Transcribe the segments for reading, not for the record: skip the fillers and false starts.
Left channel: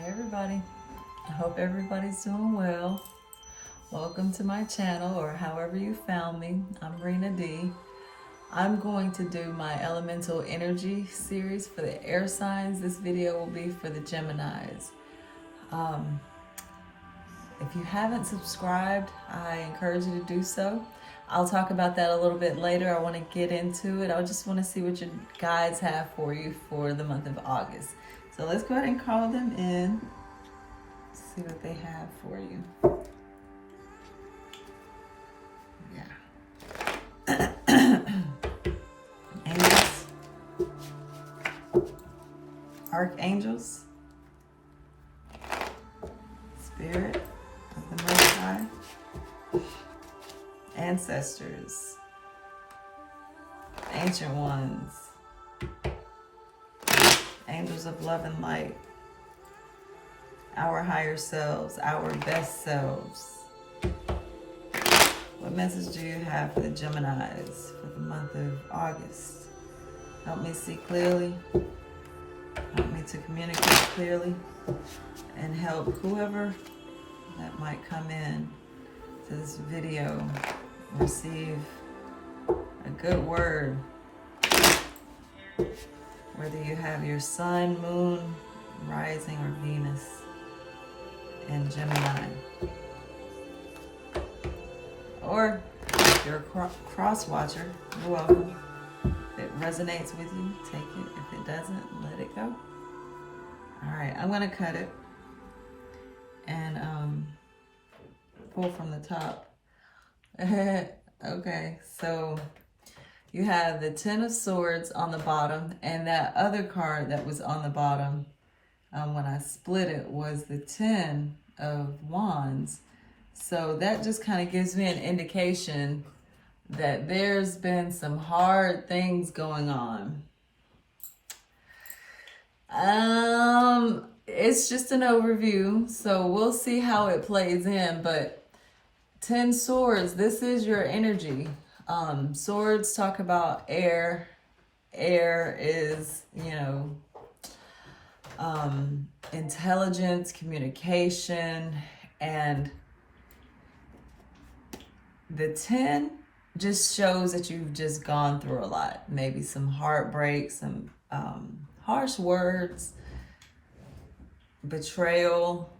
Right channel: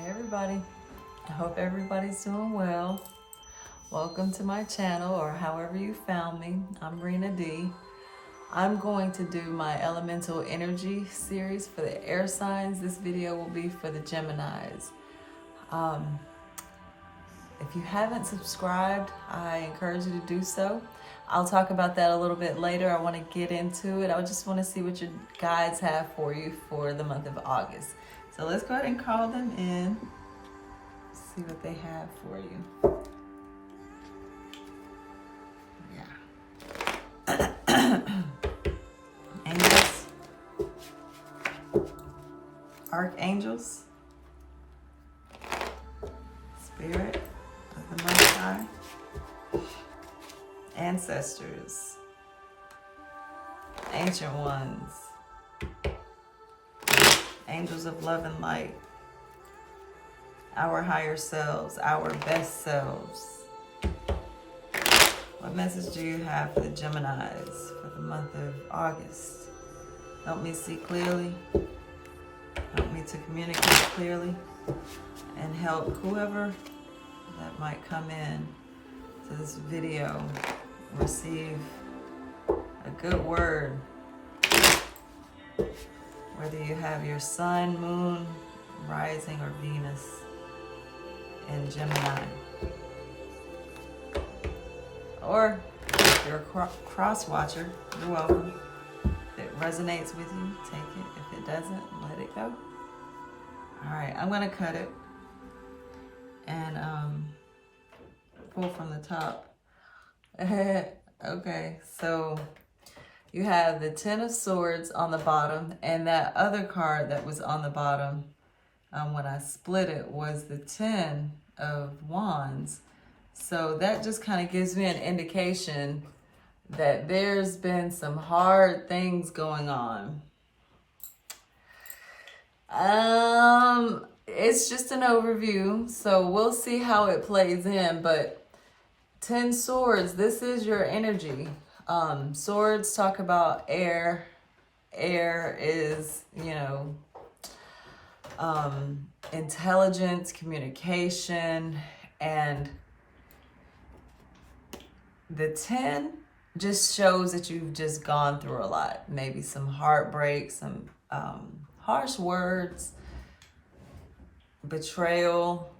Hey everybody, I hope everybody's doing well. Welcome to my channel, or however you found me. I'm Rena D. I'm going to do my elemental energy series for the air signs. This video will be for the Geminis. If you haven't subscribed, I encourage you to do so. I'll talk about that a little bit later. I want to get into it. I just want to see what your guides have for you for the month of August. So let's go ahead and call them in. See what they have for you. Yeah. Angels. Archangels. Spirit of the Most High. Ancestors. Ancient ones. Angels of love and light. Our higher selves, our best selves. What message do you have for the Geminis for the month of August? Help me see clearly. Help me to communicate clearly. And help whoever that might come in to this video receive a good word. Whether you have your sun, moon, rising, or Venus in Gemini. Or if you're a cross watcher, you're welcome. If it resonates with you, take it. If it doesn't, let it go. Alright, I'm going to cut it and pull from the top. Okay, so you have the Ten of Swords on the bottom, and that other card that was on the bottom when I split it was the Ten of Wands. So that just kind of gives me an indication that there's been some hard things going on. It's just an overview, so we'll see how it plays in, but 10 Swords, this is your energy. Swords talk about air. Air is, intelligence, communication, and the 10 just shows that you've just gone through a lot. Maybe some heartbreak, some harsh words, betrayal.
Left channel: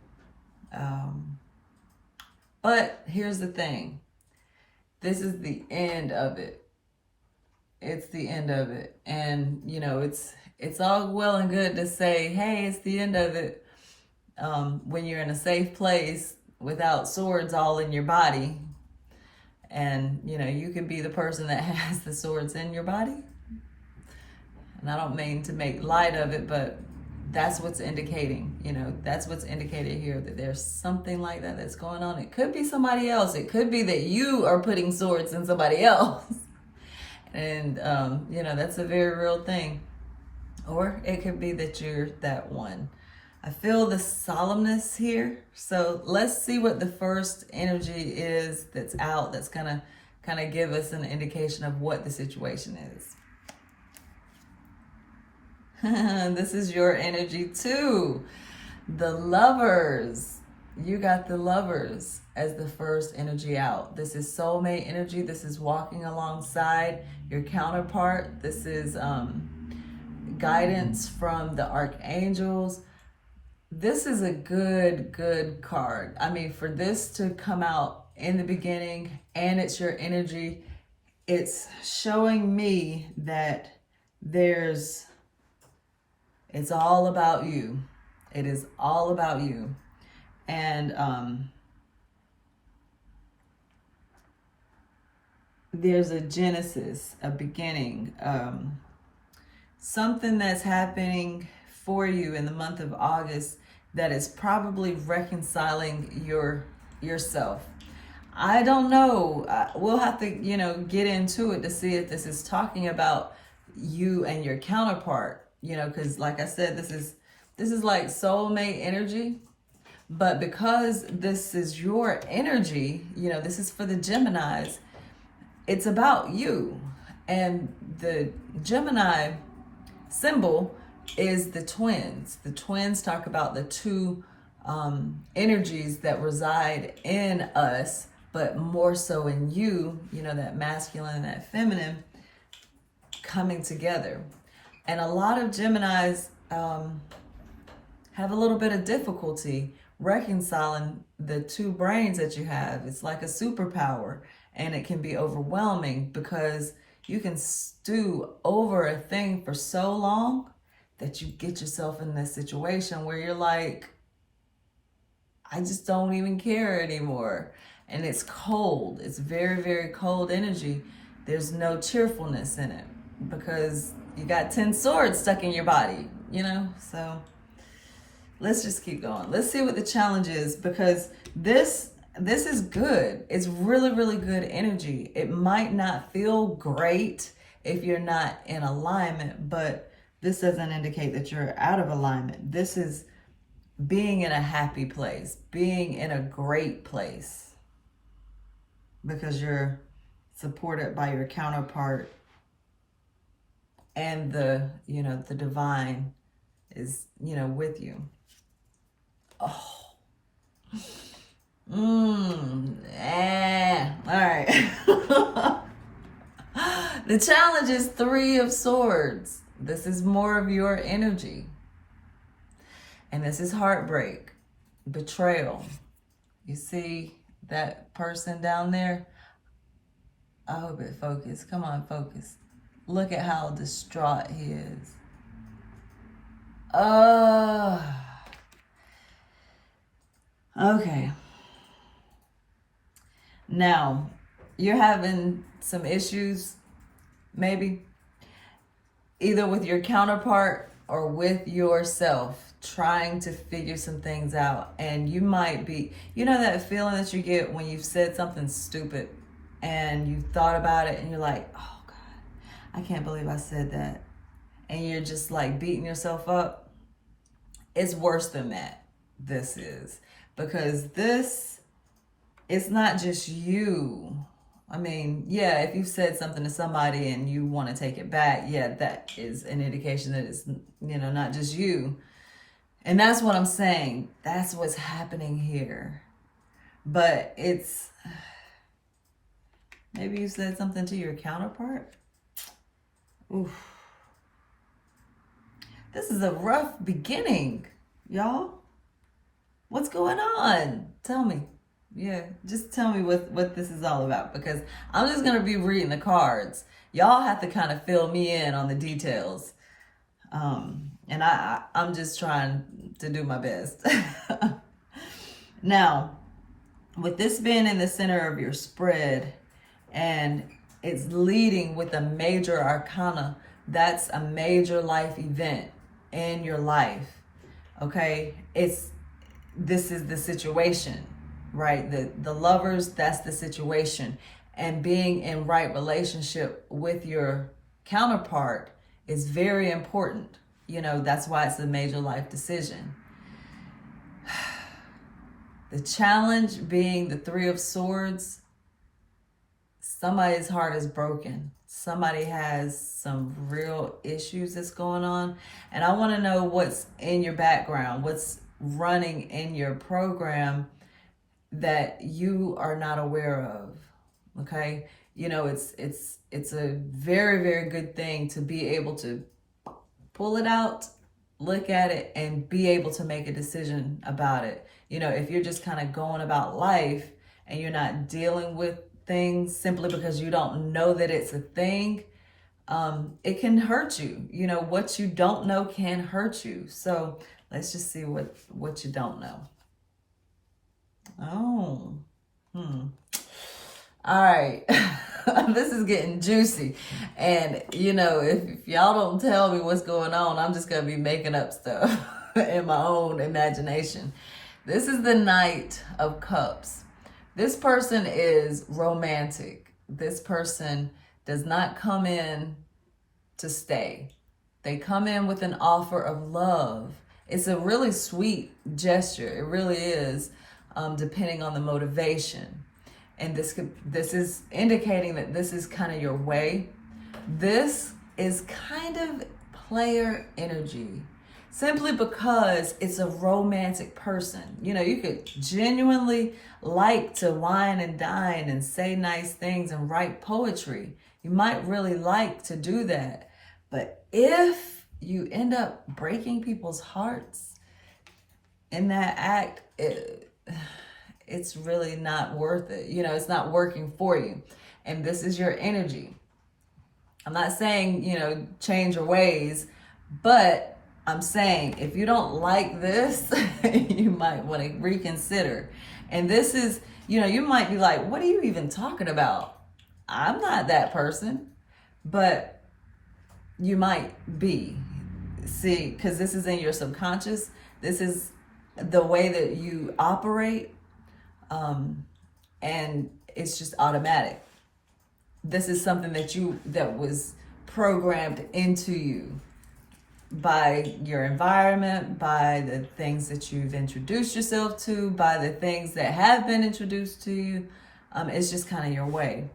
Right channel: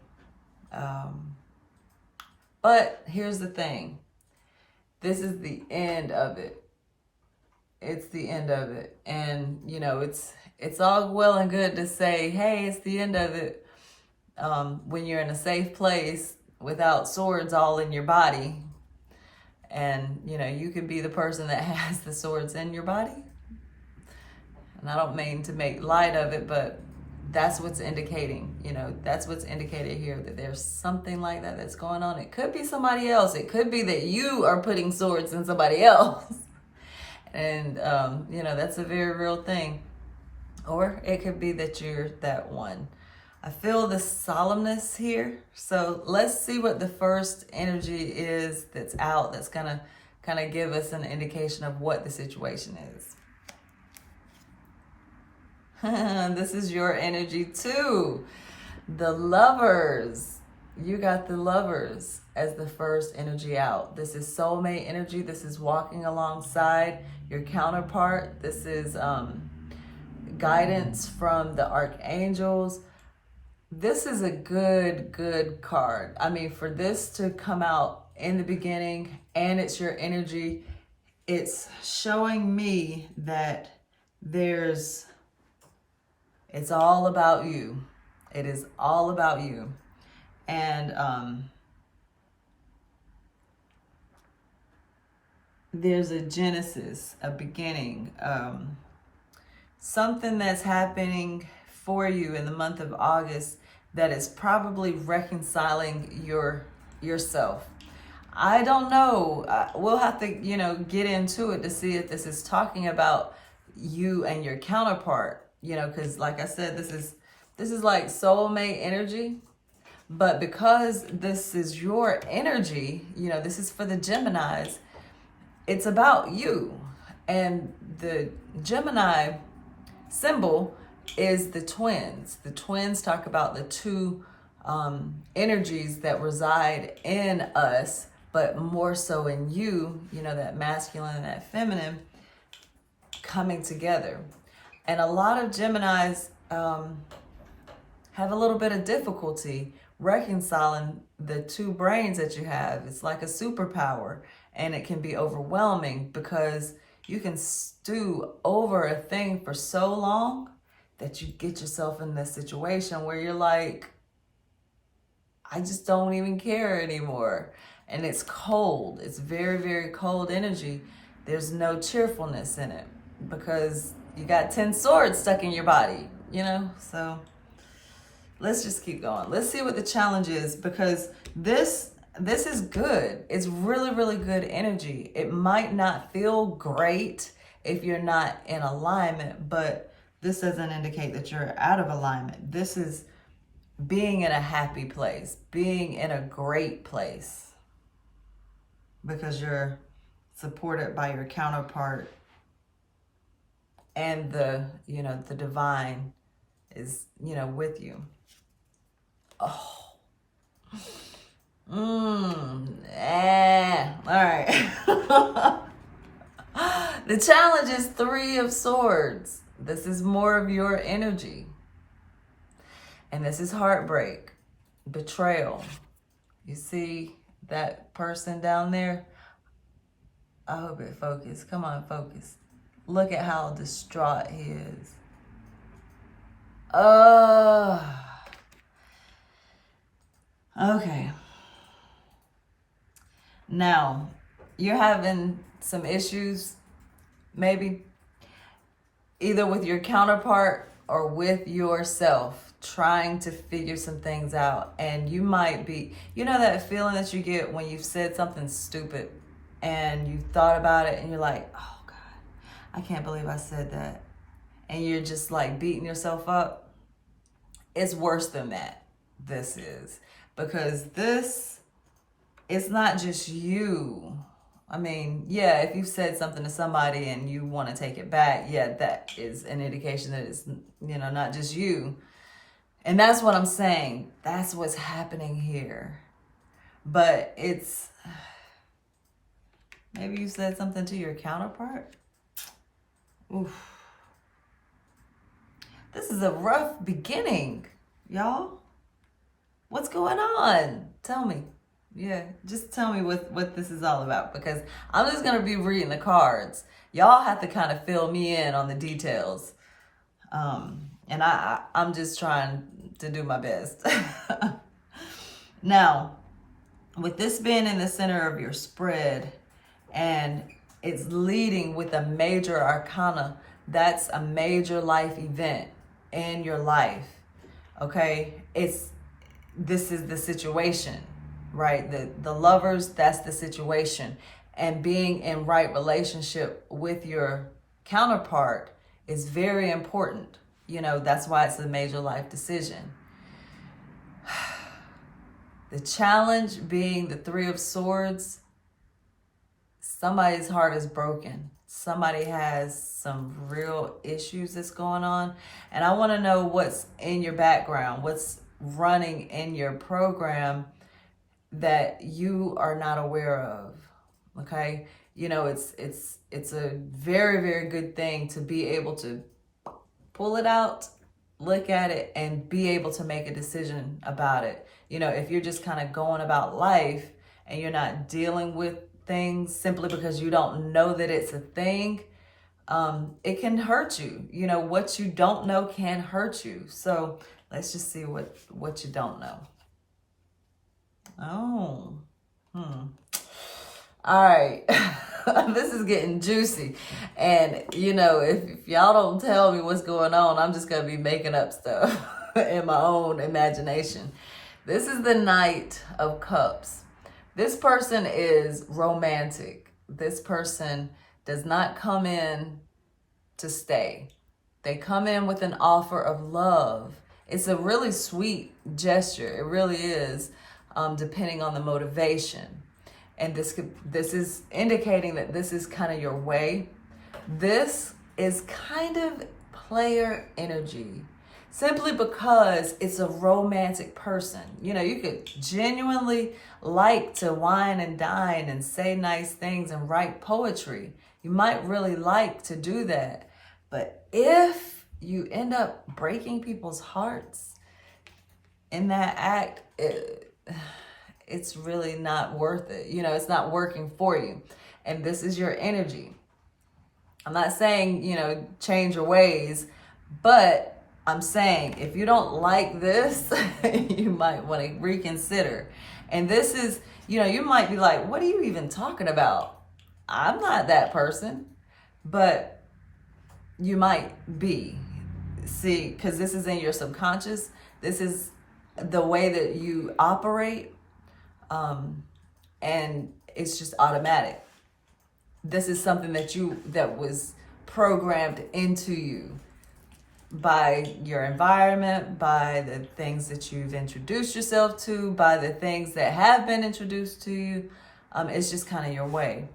But here's the thing. This is the end of it. It's the end of it. And, it's all well and good to say, hey, it's the end of it, when you're in a safe place without swords all in your body. And, you can be the person that has the swords in your body. And I don't mean to make light of it, but that's what's indicating, that's what's indicated here, that there's something like that that's going on. It could be somebody else. It could be that you are putting swords in somebody else. And, that's a very real thing. Or it could be that you're that one. I feel the solemnness here. So let's see what the first energy is that's out, that's going to kind of give us an indication of what the situation is. This is your energy too. The Lovers. You got the Lovers as the first energy out. This is soulmate energy. This is walking alongside your counterpart. This is guidance from the archangels. This is a good card. I mean, for this to come out in the beginning and it's your energy, it's showing me that it's all about you. It is all about you. And there's a genesis, a beginning, something that's happening for you in the month of August that is probably reconciling yourself. I don't know. We'll have to, get into it to see if this is talking about you and your counterpart. Because like I said, this is like soulmate energy, but because this is your energy, this is for the Geminis, it's about you. And the Gemini symbol is the twins. The twins talk about the two energies that reside in us, but more so in you, you know, that masculine and that feminine coming together. And a lot of Geminis have a little bit of difficulty reconciling the two brains that you have. It's like a superpower, and it can be overwhelming because you can stew over a thing for so long that you get yourself in this situation where you're like, I just don't even care anymore. And it's cold. It's very, very cold energy. There's no cheerfulness in it because you got 10 swords stuck in your body, you know? So let's just keep going. Let's see what the challenge is, because this is good. It's really, really good energy. It might not feel great if you're not in alignment, but this doesn't indicate that you're out of alignment. This is being in a happy place, being in a great place, because you're supported by your counterpart, and the divine is, with you. Oh. All right. The challenge is 3 of Swords. This is more of your energy. And this is heartbreak, betrayal. You see that person down there? I hope it focus. Come on, focus. Look at how distraught he is. Okay. Now, you're having some issues, maybe, either with your counterpart or with yourself, trying to figure some things out. And you might be, that feeling that you get when you've said something stupid and you thought about it and you're like, oh God, I can't believe I said that. And you're just like beating yourself up. It's worse than that. This is. Because this, it's not just you. I mean, yeah, if you've said something to somebody and you want to take it back, yeah, that is an indication that it's, not just you. And that's what I'm saying. That's what's happening here. But it's, maybe you said something to your counterpart. Oof. This is a rough beginning, y'all. What's going on? Tell me. Yeah, just tell me what this is all about, because I'm just going to be reading the cards. Y'all have to kind of fill me in on the details. And I'm just trying to do my best. Now, with this being in the center of your spread and it's leading with a major arcana, that's a major life event in your life. Okay? This is the situation, right? The lovers, that's the situation. And being in right relationship with your counterpart is very important. That's why it's a major life decision. The challenge being the 3 of Swords, somebody's heart is broken. Somebody has some real issues that's going on. And I want to know what's in your background, what's running in your program that you are not aware of. Okay? It's a very, very good thing to be able to pull it out, look at it, and be able to make a decision about it. If you're just kind of going about life and you're not dealing with things simply because you don't know that it's a thing, it can hurt you. What you don't know can hurt you. So let's just see what you don't know. Oh. All right. This is getting juicy. And, if y'all don't tell me what's going on, I'm just going to be making up stuff in my own imagination. This is the Knight of Cups. This person is romantic. This person does not come in to stay. They come in with an offer of love. It's a really sweet gesture. It really is, depending on the motivation. And this is indicating that this is kind of your way. This is kind of player energy. Simply because it's a romantic person. You know, you could genuinely like to wine and dine and say nice things and write poetry. You might really like to do that. But if you end up breaking people's hearts in that act, it's really not worth it. You know, it's not working for you. And this is your energy. I'm not saying, you know, change your ways, but I'm saying if you don't like this, you might want to reconsider. And this is, you know, you might be like, what are you even talking about? I'm not that person. But you might be. See, because this is in your subconscious. This is the way that you operate. And it's just automatic. This is something that was programmed into you by your environment, by the things that you've introduced yourself to, by the things that have been introduced to you. It's just kind of your way.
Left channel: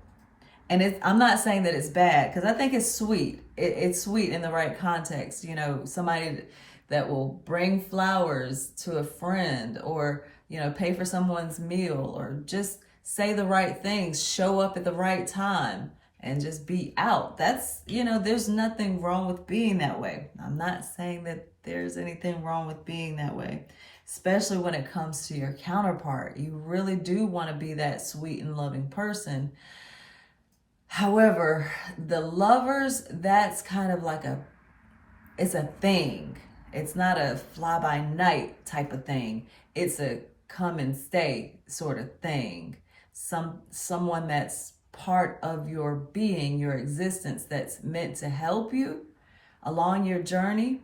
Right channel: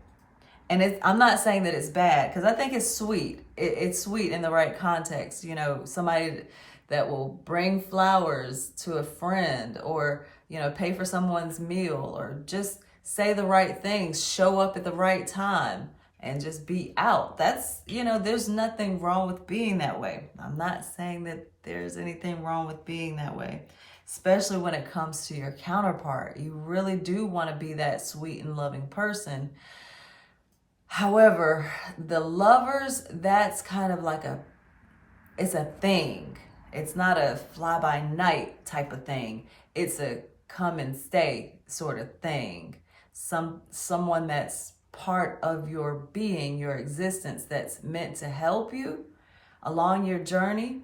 And I'm not saying that it's bad, because I think it's sweet. It's sweet in the right context. You know, somebody that will bring flowers to a friend, or, you know, pay for someone's meal, or just say the right things, show up at the right time, and just be out. That's, you know, there's nothing wrong with being that way. I'm not saying that there's anything wrong with being that way, especially when it comes to your counterpart. You really do want to be that sweet and loving person. However, the lovers, that's kind of like it's a thing. It's not a fly by night type of thing. It's a come and stay sort of thing. Someone that's part of your being, your existence, that's meant to help you along your journey.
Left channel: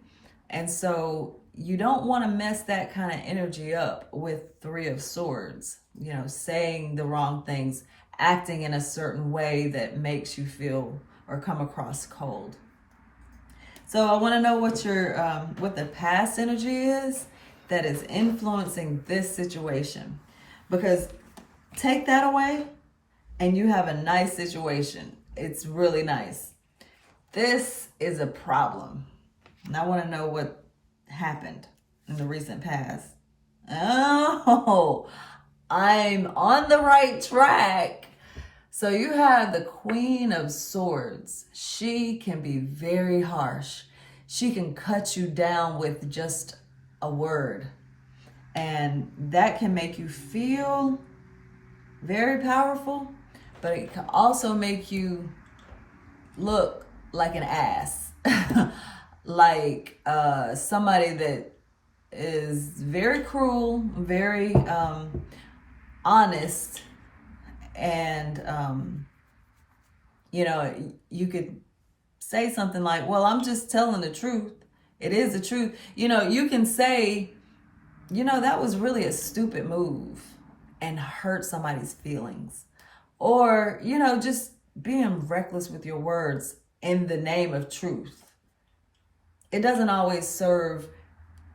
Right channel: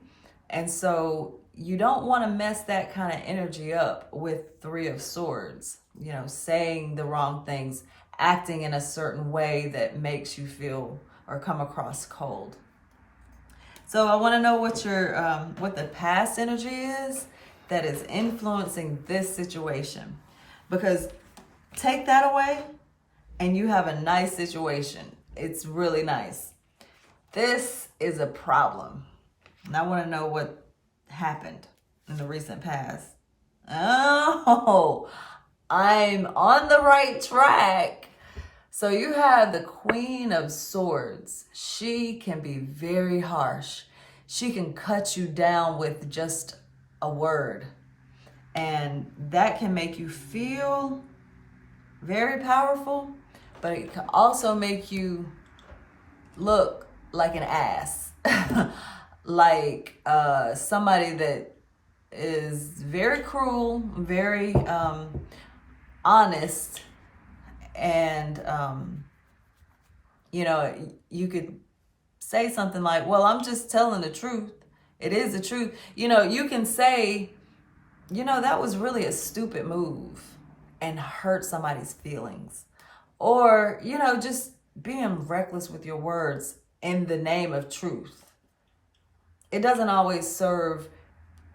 And so you don't want to mess that kind of energy up with Three of Swords, you know, saying the wrong things, acting in a certain way that makes you feel or come across cold. So I want to know what the past energy is that is influencing this situation. Because take that away and you have a nice situation. It's really nice. This is a problem. And I want to know what happened in the recent past. Oh, I'm on the right track. So you have the Queen of Swords. She can be very harsh. She can cut you down with just a word. And that can make you feel very powerful, but it can also make you look like an ass. Like somebody that is very cruel, very honest, and you know, you could say something like, well, I'm just telling the truth. It is the truth. You know, you can say, you know, that was really a stupid move, and hurt somebody's feelings. Or, you know, just being reckless with your words in the name of truth. It doesn't always serve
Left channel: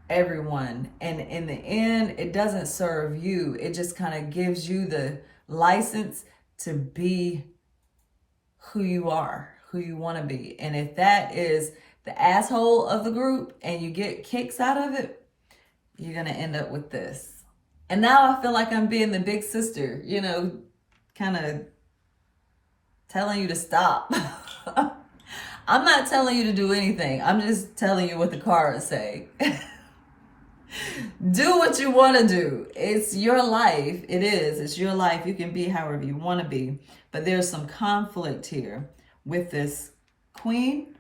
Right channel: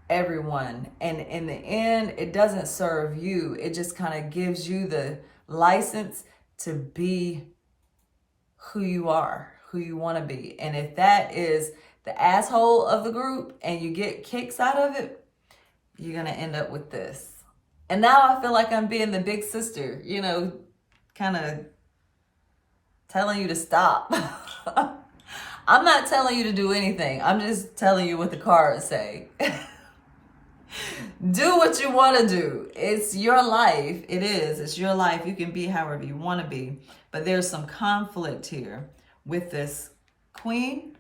everyone. And in the end, it doesn't serve you. It just kind of gives you the license to be who you are, who you want to be. And if that is the asshole of the group and you get kicks out of it, you're going to end up with this. And now I feel like I'm being the big sister, you know, kind of telling you to stop. I'm not telling you to do anything. I'm just telling you what the cards say. Do what you want to do. It's your life. It is. It's your life. You can be however you want to be. But there's some conflict here with this Queen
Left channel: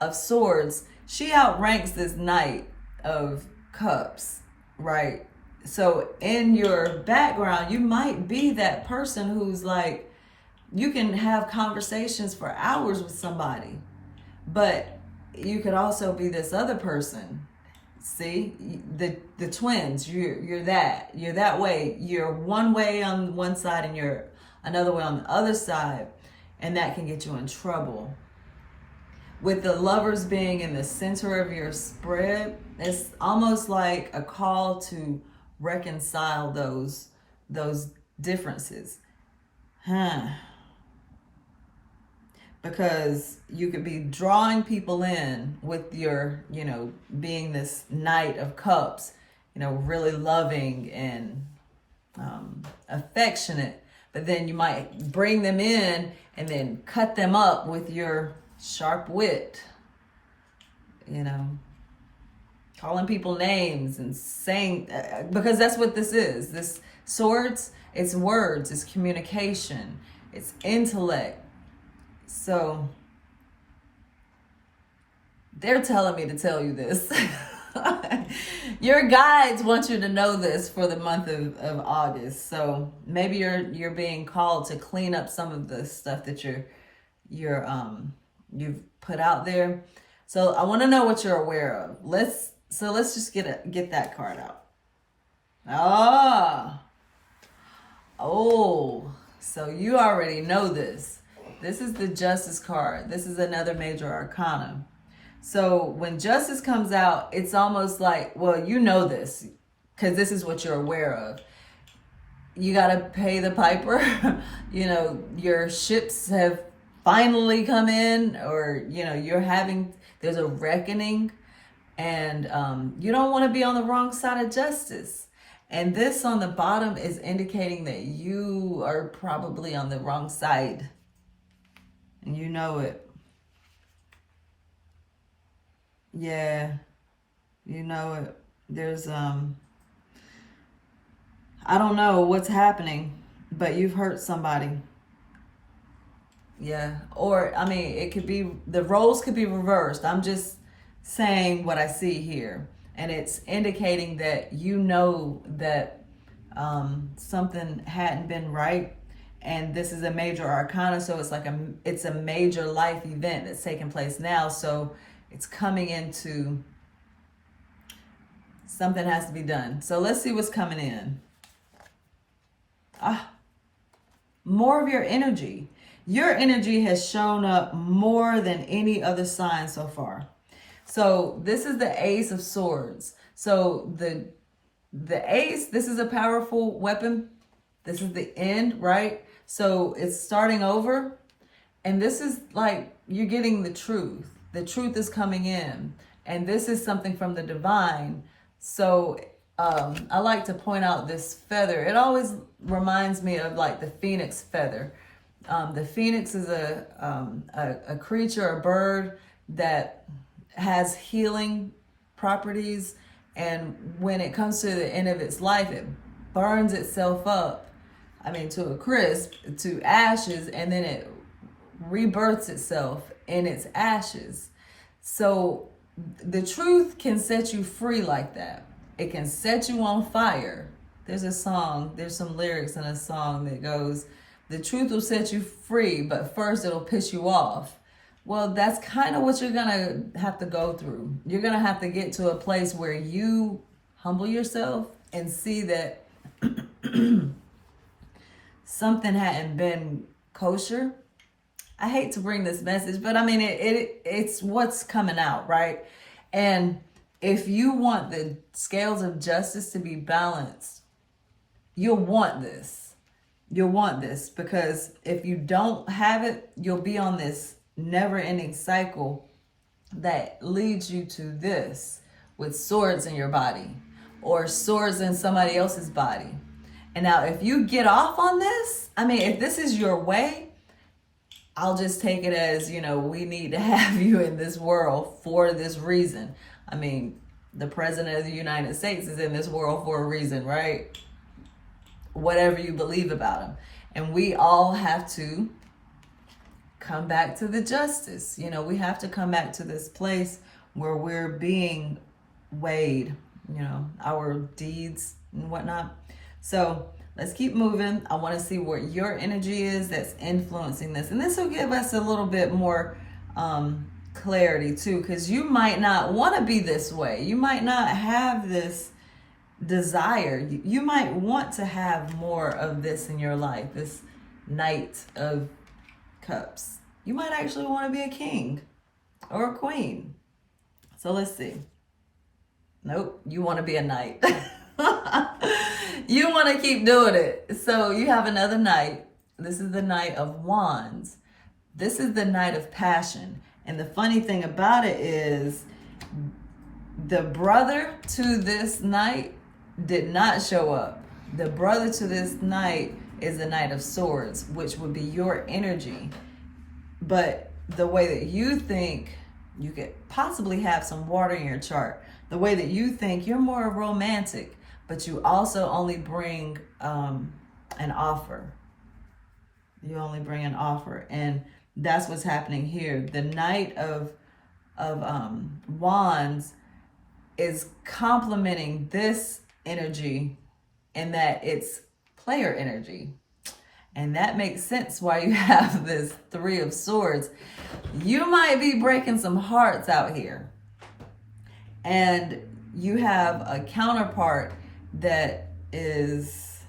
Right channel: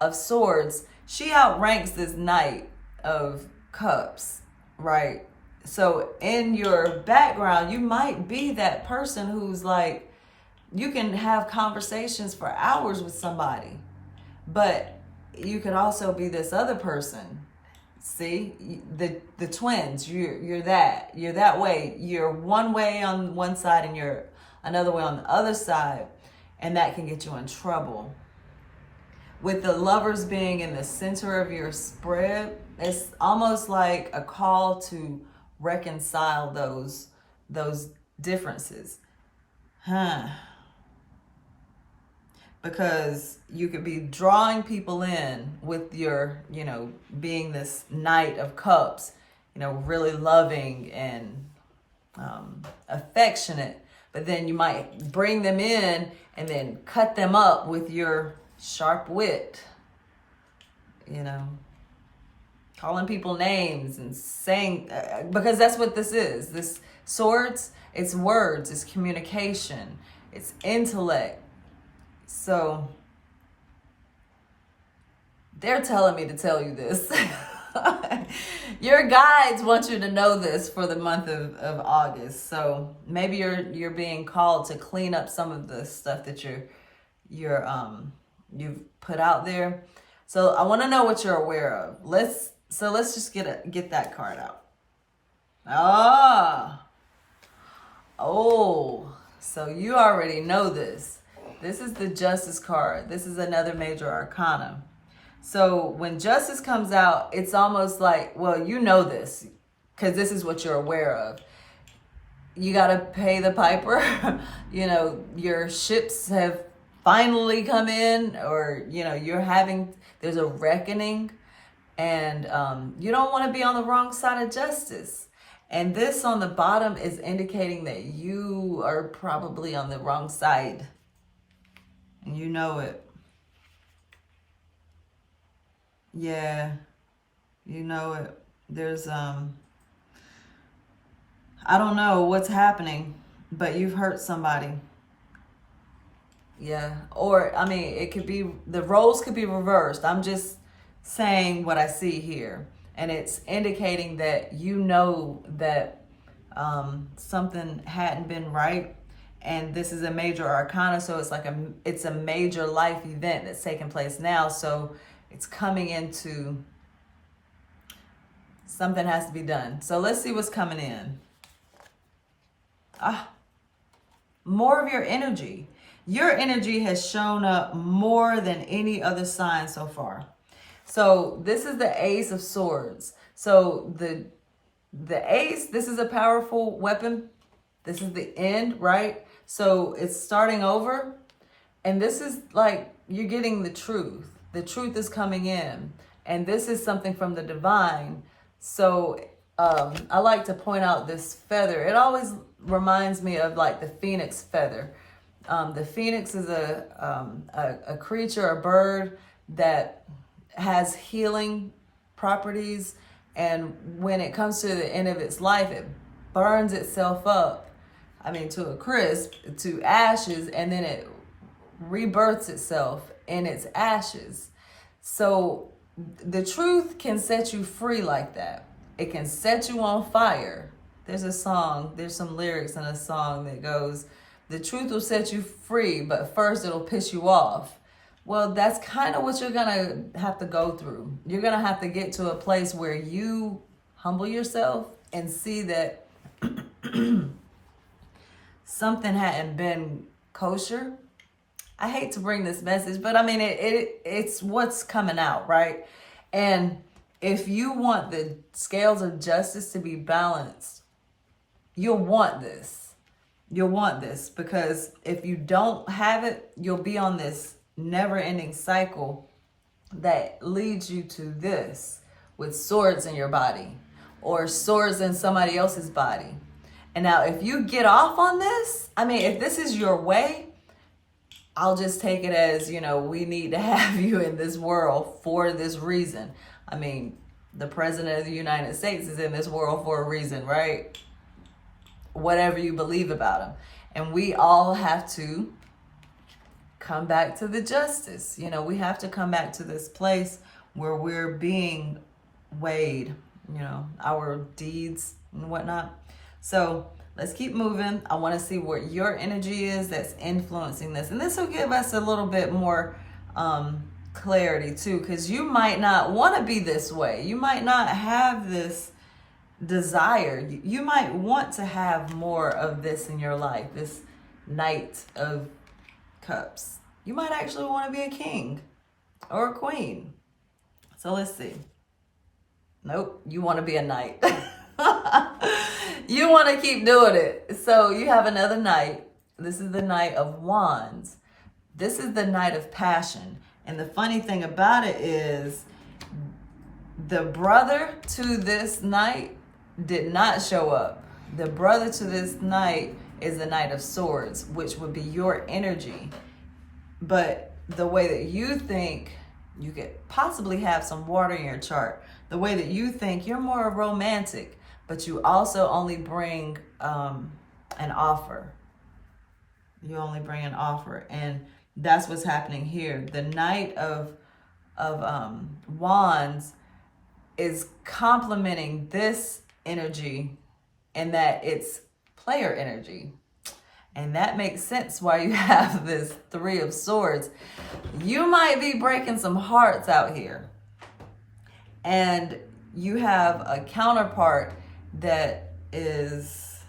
of Swords. She outranks this Knight of Cups, right? So in your background, you might be that person who's like, you can have conversations for hours with somebody, but you could also be this other person. See, the twins, you're that way. You're one way on one side and you're another way on the other side, and that can get you in trouble. With the Lovers being in the center of your spread, it's almost like a call to reconcile those differences. because you could be drawing people in with your, being this Knight of Cups, really loving and affectionate, but then you might bring them in and then cut them up with your sharp wit, calling people names and saying, because that's what this is. This swords, it's words, it's communication, it's intellect. So they're telling me to tell you this. Your guides want you to know this for the month of August. So maybe you're being called to clean up some of the stuff that you've put out there. So I want to know what you're aware of. Let's just get that card out. So you already know this. This is the Justice card. This is another major arcana. So when Justice comes out, it's almost like, well, you know this, because this is what you're aware of. You got to pay the piper. Your ships have finally come in, or, there's a reckoning, and you don't want to be on the wrong side of justice. And this on the bottom is indicating that you are probably on the wrong side. And you know it. Yeah, you know it. There's, I don't know what's happening, but you've hurt somebody. Yeah, or, it could be, the roles could be reversed. I'm just saying what I see here. And it's indicating that that something hadn't been right. And this is a major arcana, so it's a major life event that's taking place now. So it's coming into something has to be done. So let's see what's coming in. More of your energy. Your energy has shown up more than any other sign so far. So this is the Ace of Swords. So the Ace, this is a powerful weapon. This is the end, right? So it's starting over. And this is like, you're getting the truth. The truth is coming in. And this is something from the divine. So I like to point out this feather. It always reminds me of like the phoenix feather. The phoenix is a creature, a bird that has healing properties. And when it comes to the end of its life, it burns itself up. To a crisp, to ashes, and then it rebirths itself in its ashes. So the truth can set you free like that. It can set you on fire. There's some lyrics in a song that goes, the truth will set you free, but first it'll piss you off. Well, that's kind of what you're going to have to go through. You're going to have to get to a place where you humble yourself and see that something hadn't been kosher. I hate to bring this message, but it's what's coming out, right? And if you want the scales of justice to be balanced, you'll want this. You'll want this, because if you don't have it, you'll be on this never-ending cycle that leads you to this, with swords in your body or swords in somebody else's body. And now if you get off on this, if this is your way, I'll just take it as, we need to have you in this world for this reason. The president of the United States is in this world for a reason, right? Whatever you believe about him. And we all have to come back to the justice. We have to come back to this place where we're being weighed, our deeds and whatnot. So let's keep moving. I want to see what your energy is that's influencing this. And this will give us a little bit more clarity too, because you might not want to be this way. You might not have this desire. You might want to have more of this in your life, this Knight of Cups. You might actually want to be a king or a queen. So let's see. Nope, you want to be a knight. You want to keep doing it. So you have another knight. This is the Knight of Wands. This is the Knight of Passion. And the funny thing about it is the brother to this Knight did not show up. The brother to this Knight is the Knight of Swords, which would be your energy. But the way that you think, you could possibly have some water in your chart. The way that you think, you're more romantic, but you also only bring an offer. You only bring an offer. And that's what's happening here. The Knight of Wands is complementing this energy in that it's player energy. And that makes sense why you have this Three of Swords. You might be breaking some hearts out here. And you have a counterpart that is,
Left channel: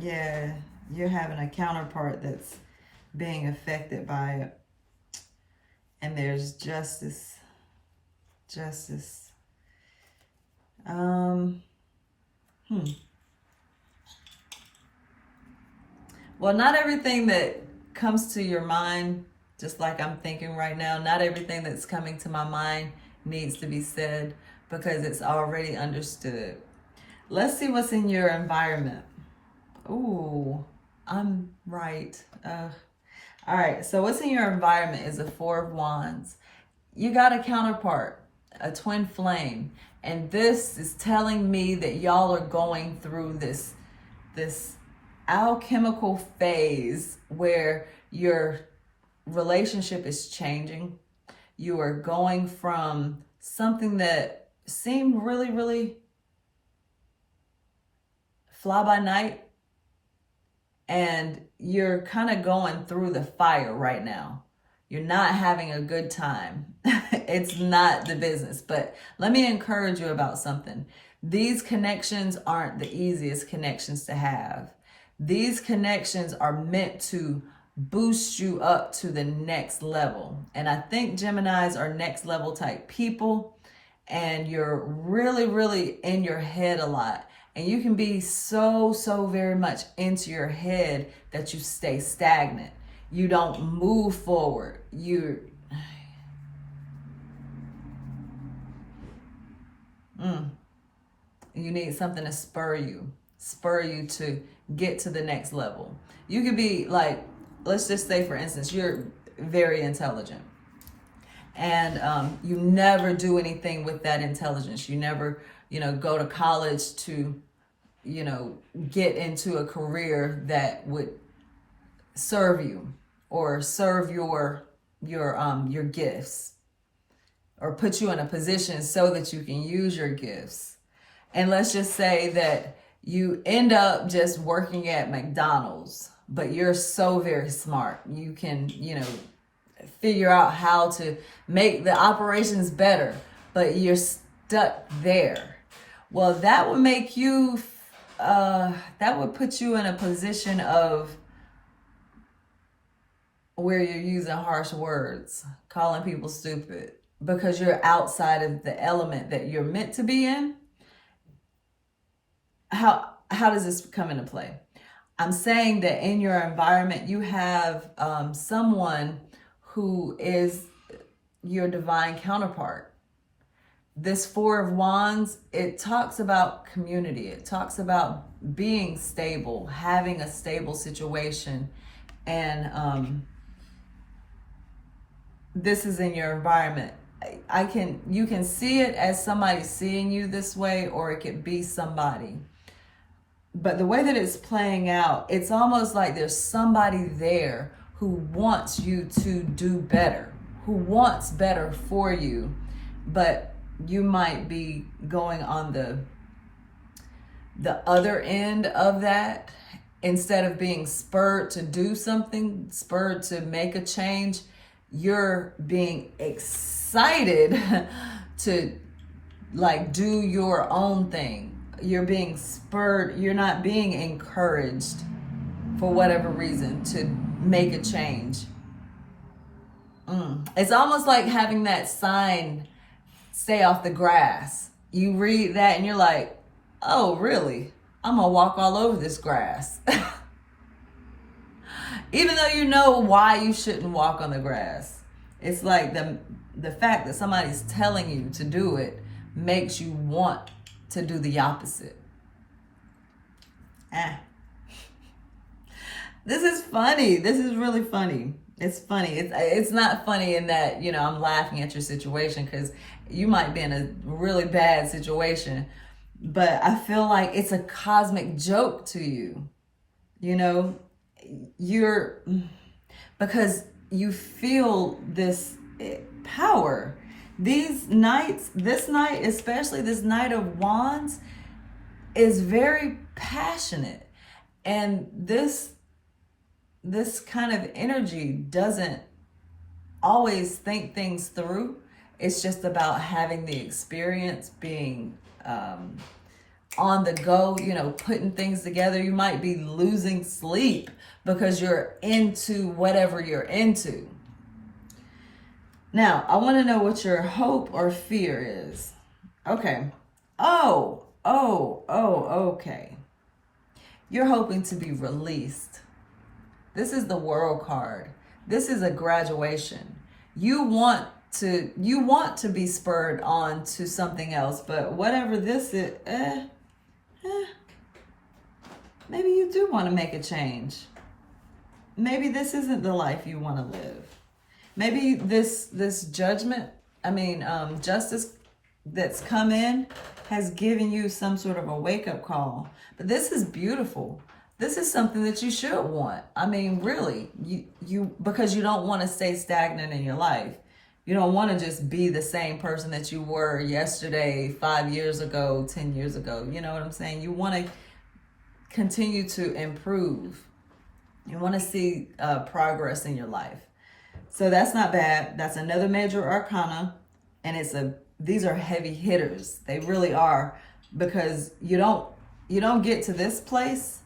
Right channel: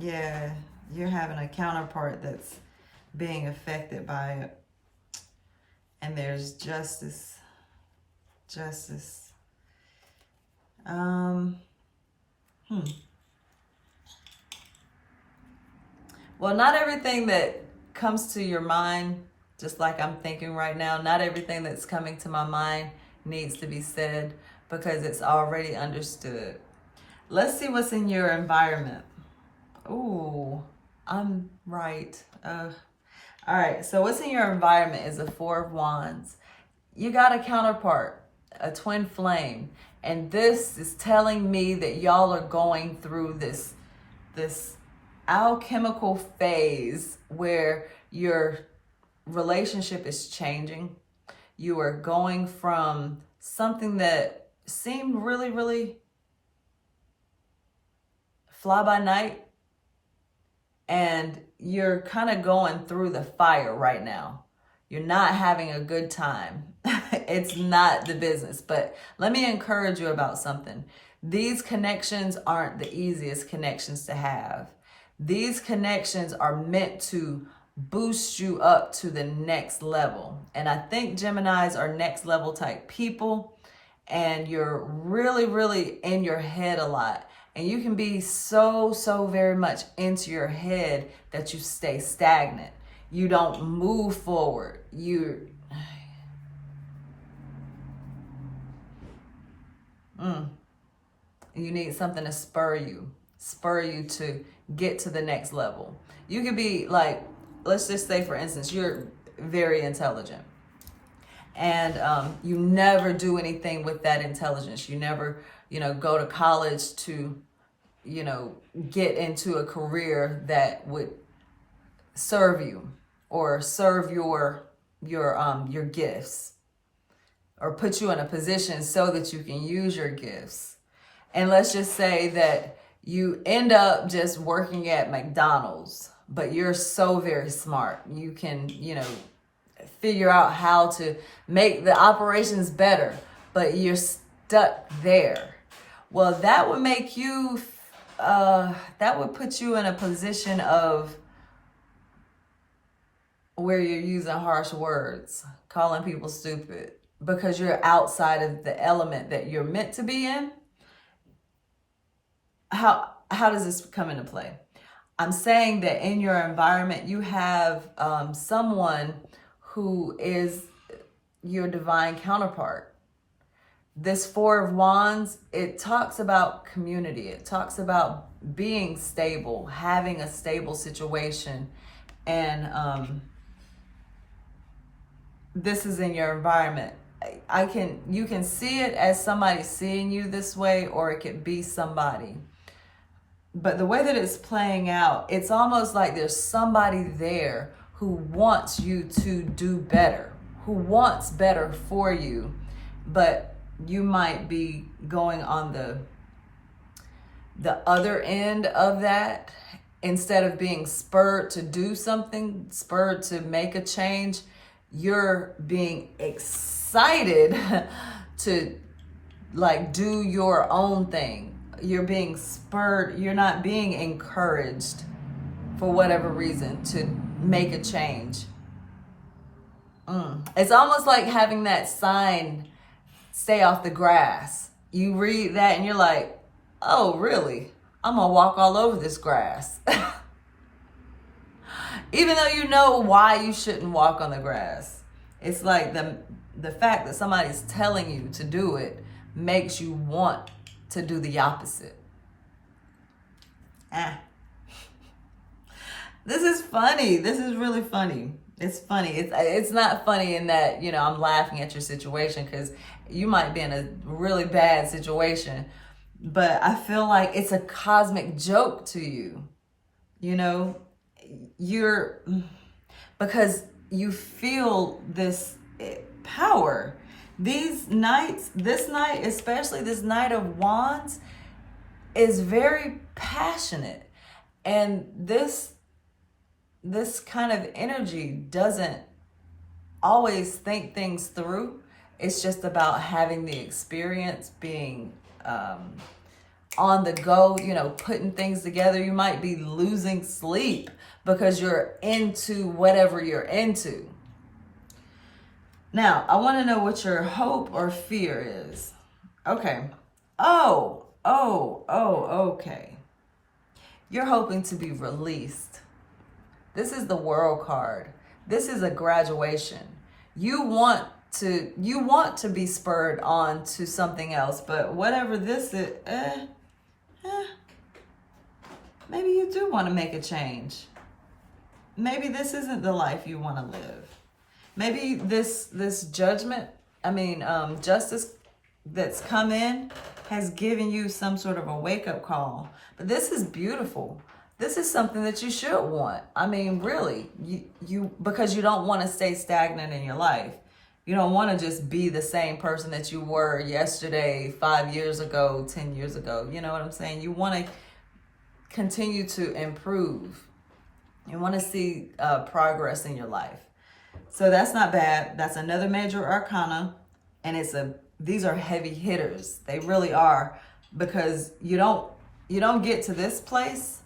yeah, you're having a counterpart that's being affected by it. And there's justice. Well, not everything that comes to your mind, just like I'm thinking right now, not everything that's coming to my mind needs to be said because it's already understood. Let's see what's in your environment. Ooh, I'm right. All right, so what's in your environment is a Four of Wands. You got a counterpart, a twin flame. And this is telling me that y'all are going through this alchemical phase where your relationship is changing. You are going from something that seemed really, really fly by night, and you're kind of going through the fire right now. You're not having a good time. It's not the business. But let me encourage you about something. These connections aren't the easiest connections to have. These connections are meant to boost you up to the next level. And I think Geminis are next level type people. And you're really, really in your head a lot. And you can be so very much into your head that you stay stagnant. You don't move forward. You need something to spur you to get to the next level. You could be like, let's just say, for instance, you're very intelligent. And you never do anything with that intelligence. You never, go to college to, get into a career that would serve you or serve your gifts, or put you in a position so that you can use your gifts. And let's just say that you end up just working at McDonald's, but you're so very smart. You can, figure out how to make the operations better, but you're stuck there. Well, that would make you, that would put you in a position of where you're using harsh words, calling people stupid, because you're outside of the element that you're meant to be in. How does this come into play? I'm saying that in your environment, you have someone who is your divine counterpart. This Four of Wands, it talks about community. It talks about being stable, having a stable situation. And this is in your environment. You can see it as somebody seeing you this way, or it could be somebody. But the way that it's playing out, it's almost like there's somebody there who wants you to do better, who wants better for you, but you might be going on the other end of that. Instead of being spurred to do something, spurred to make a change, you're being excited to do your own thing. You're being spurred. You're not being encouraged for whatever reason to make a change. It's almost like having that sign, "Stay off the grass." You read that and you're like, oh, really? I'm going to walk all over this grass. Even though you know why you shouldn't walk on the grass. It's like the fact that somebody's telling you to do it makes you want to do the opposite. This is funny. This is really funny. It's funny. It's not funny in that, you know, I'm laughing at your situation because you might be in a really bad situation. But I feel like it's a cosmic joke to you. You know, because you feel this power. These nights, this night, especially this Knight of Wands, is very passionate. And this kind of energy doesn't always think things through. It's just about having the experience, being on the go, you know, putting things together. You might be losing sleep because you're into whatever you're into. Now, I want to know what your hope or fear is. Okay. Okay. You're hoping to be released. This is the World card. This is a graduation. You want to be spurred on to something else, but whatever this is, maybe you do want to make a change. Maybe this isn't the life you want to live. Maybe this judgment, justice that's come in has given you some sort of a wake-up call. But this is beautiful. This is something that you should want. I mean, really, you because you don't want to stay stagnant in your life. You don't want to just be the same person that you were yesterday, 5 years ago, 10 years ago. You know what I'm saying? You want to continue to improve. You want to see progress in your life. So that's not bad. That's another major arcana. And these are heavy hitters. They really are, because you don't get to this place,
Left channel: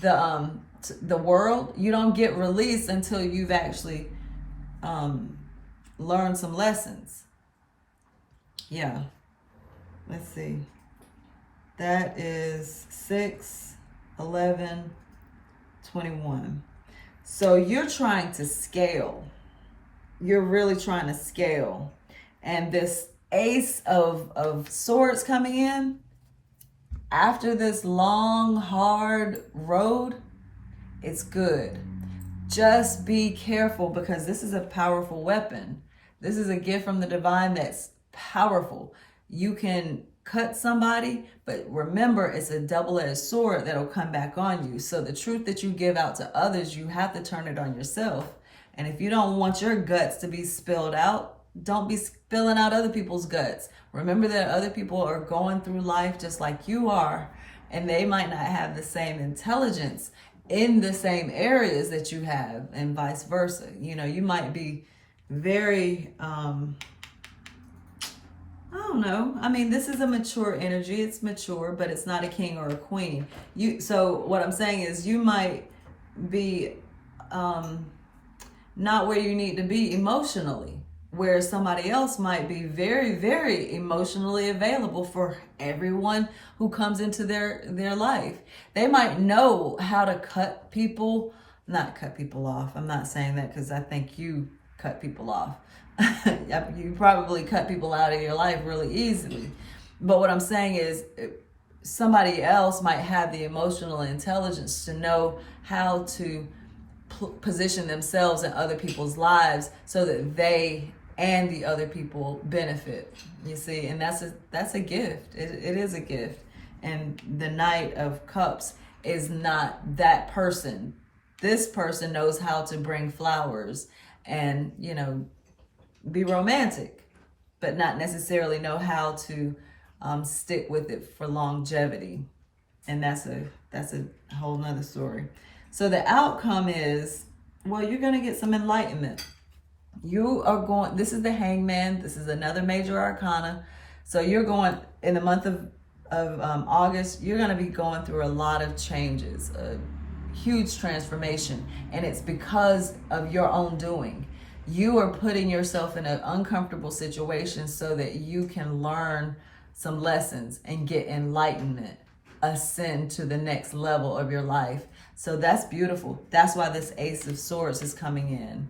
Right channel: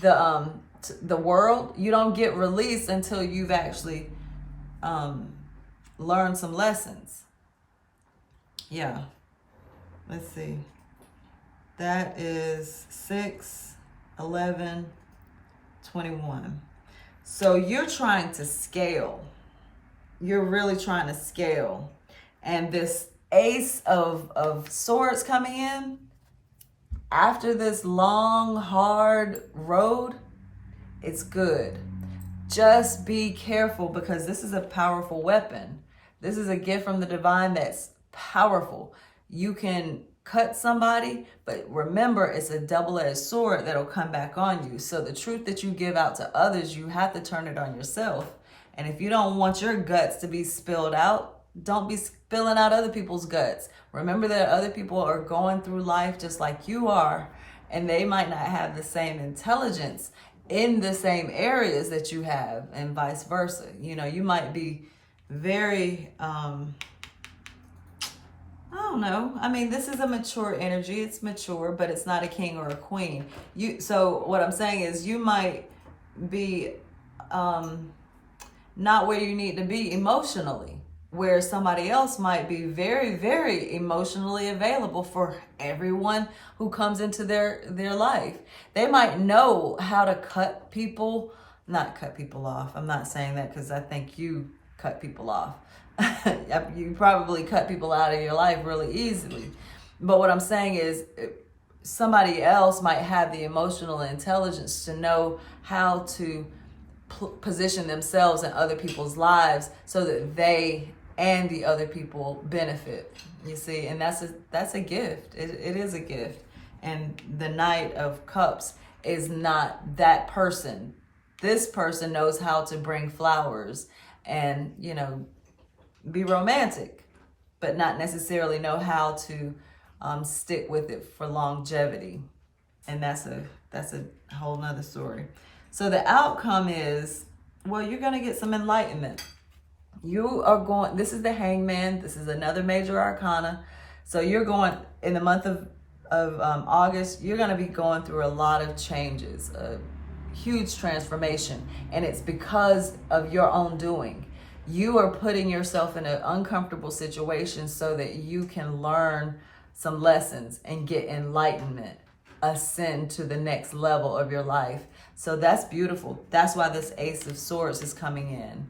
the world, you don't get released until you've actually learned some lessons. Yeah. Let's see. That is 6, 11, 21. So you're trying to scale. You're really trying to scale. And this Ace of Swords coming in, after this long, hard road, it's good. Just be careful, because this is a powerful weapon. This is a gift from the divine that's powerful. You can cut somebody, but remember, it's a double-edged sword that'll come back on you. So the truth that you give out to others, you have to turn it on yourself. And if you don't want your guts to be spilled out, don't be spilling out other people's guts. Remember that other people are going through life just like you are, and they might not have the same intelligence in the same areas that you have, and vice versa. You know, you might be very, I don't know. I mean, this is a mature energy. It's mature, but it's not a king or a queen. So what I'm saying is you might be not where you need to be emotionally, where somebody else might be very, very emotionally available for everyone who comes into their life. They might know how to not cut people off. I'm not saying that because I think you cut people off. You probably cut people out of your life really easily. But what I'm saying is somebody else might have the emotional intelligence to know how to position themselves in other people's lives so that they and the other people benefit. You see, and that's a gift. It is a gift. And the Knight of Cups is not that person. This person knows how to bring flowers and, you know, be romantic, but not necessarily know how to stick with it for longevity. And that's a whole nother story. So the outcome is, well, you're going to get some enlightenment. This is the Hangman. This is another major arcana. So you're going, in the month of August, you're going to be going through a lot of changes, a huge transformation. And it's because of your own doing. You are putting yourself in an uncomfortable situation so that you can learn some lessons and get enlightenment. ascend to the next level of your life. So that's beautiful. That's why this Ace of Swords is coming in.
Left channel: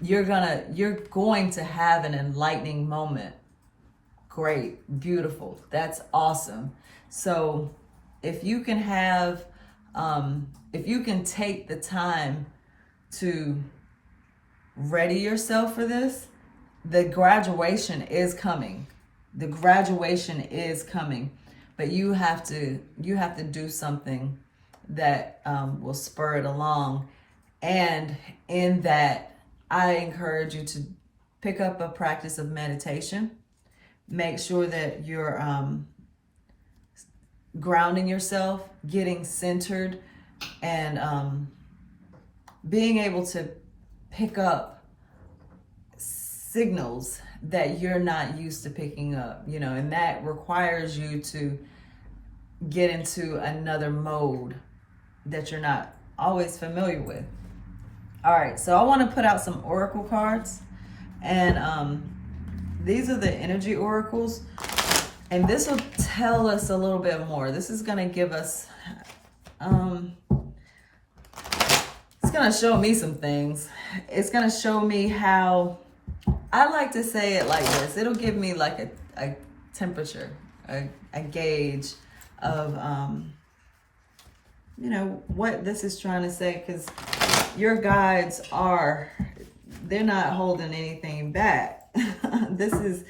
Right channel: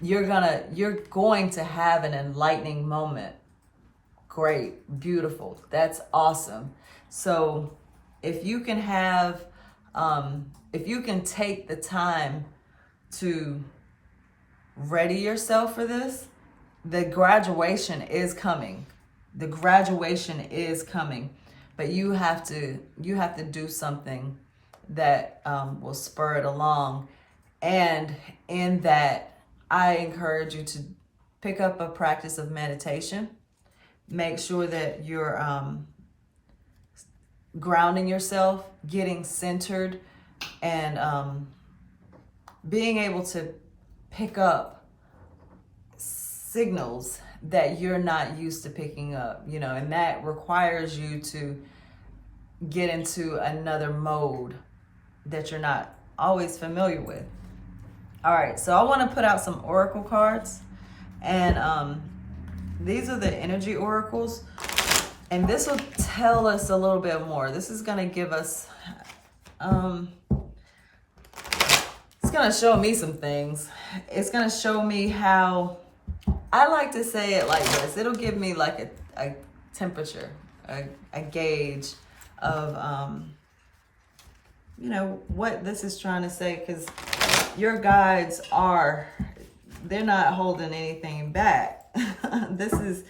You're going to have an enlightening moment. Great, beautiful. That's awesome. So if you can have, if you can take the time to ready yourself for this, the graduation is coming. The graduation is coming, but you have to do something that will spur it along. And in that, I encourage you to pick up a practice of meditation. Make sure that you're grounding yourself, getting centered, and being able to pick up signals that you're not used to picking up, you know, and that requires you to get into another mode that you're not always familiar with. All right, so I want to put out some oracle cards, and these are the energy oracles, and this will tell us a little bit more. This is going to give us, it's going to show me some things. It's going to show me how, I like to say it like this. It'll give me like a temperature, a gauge of, you know, what this is trying to say, because your guides they're not holding anything back. This is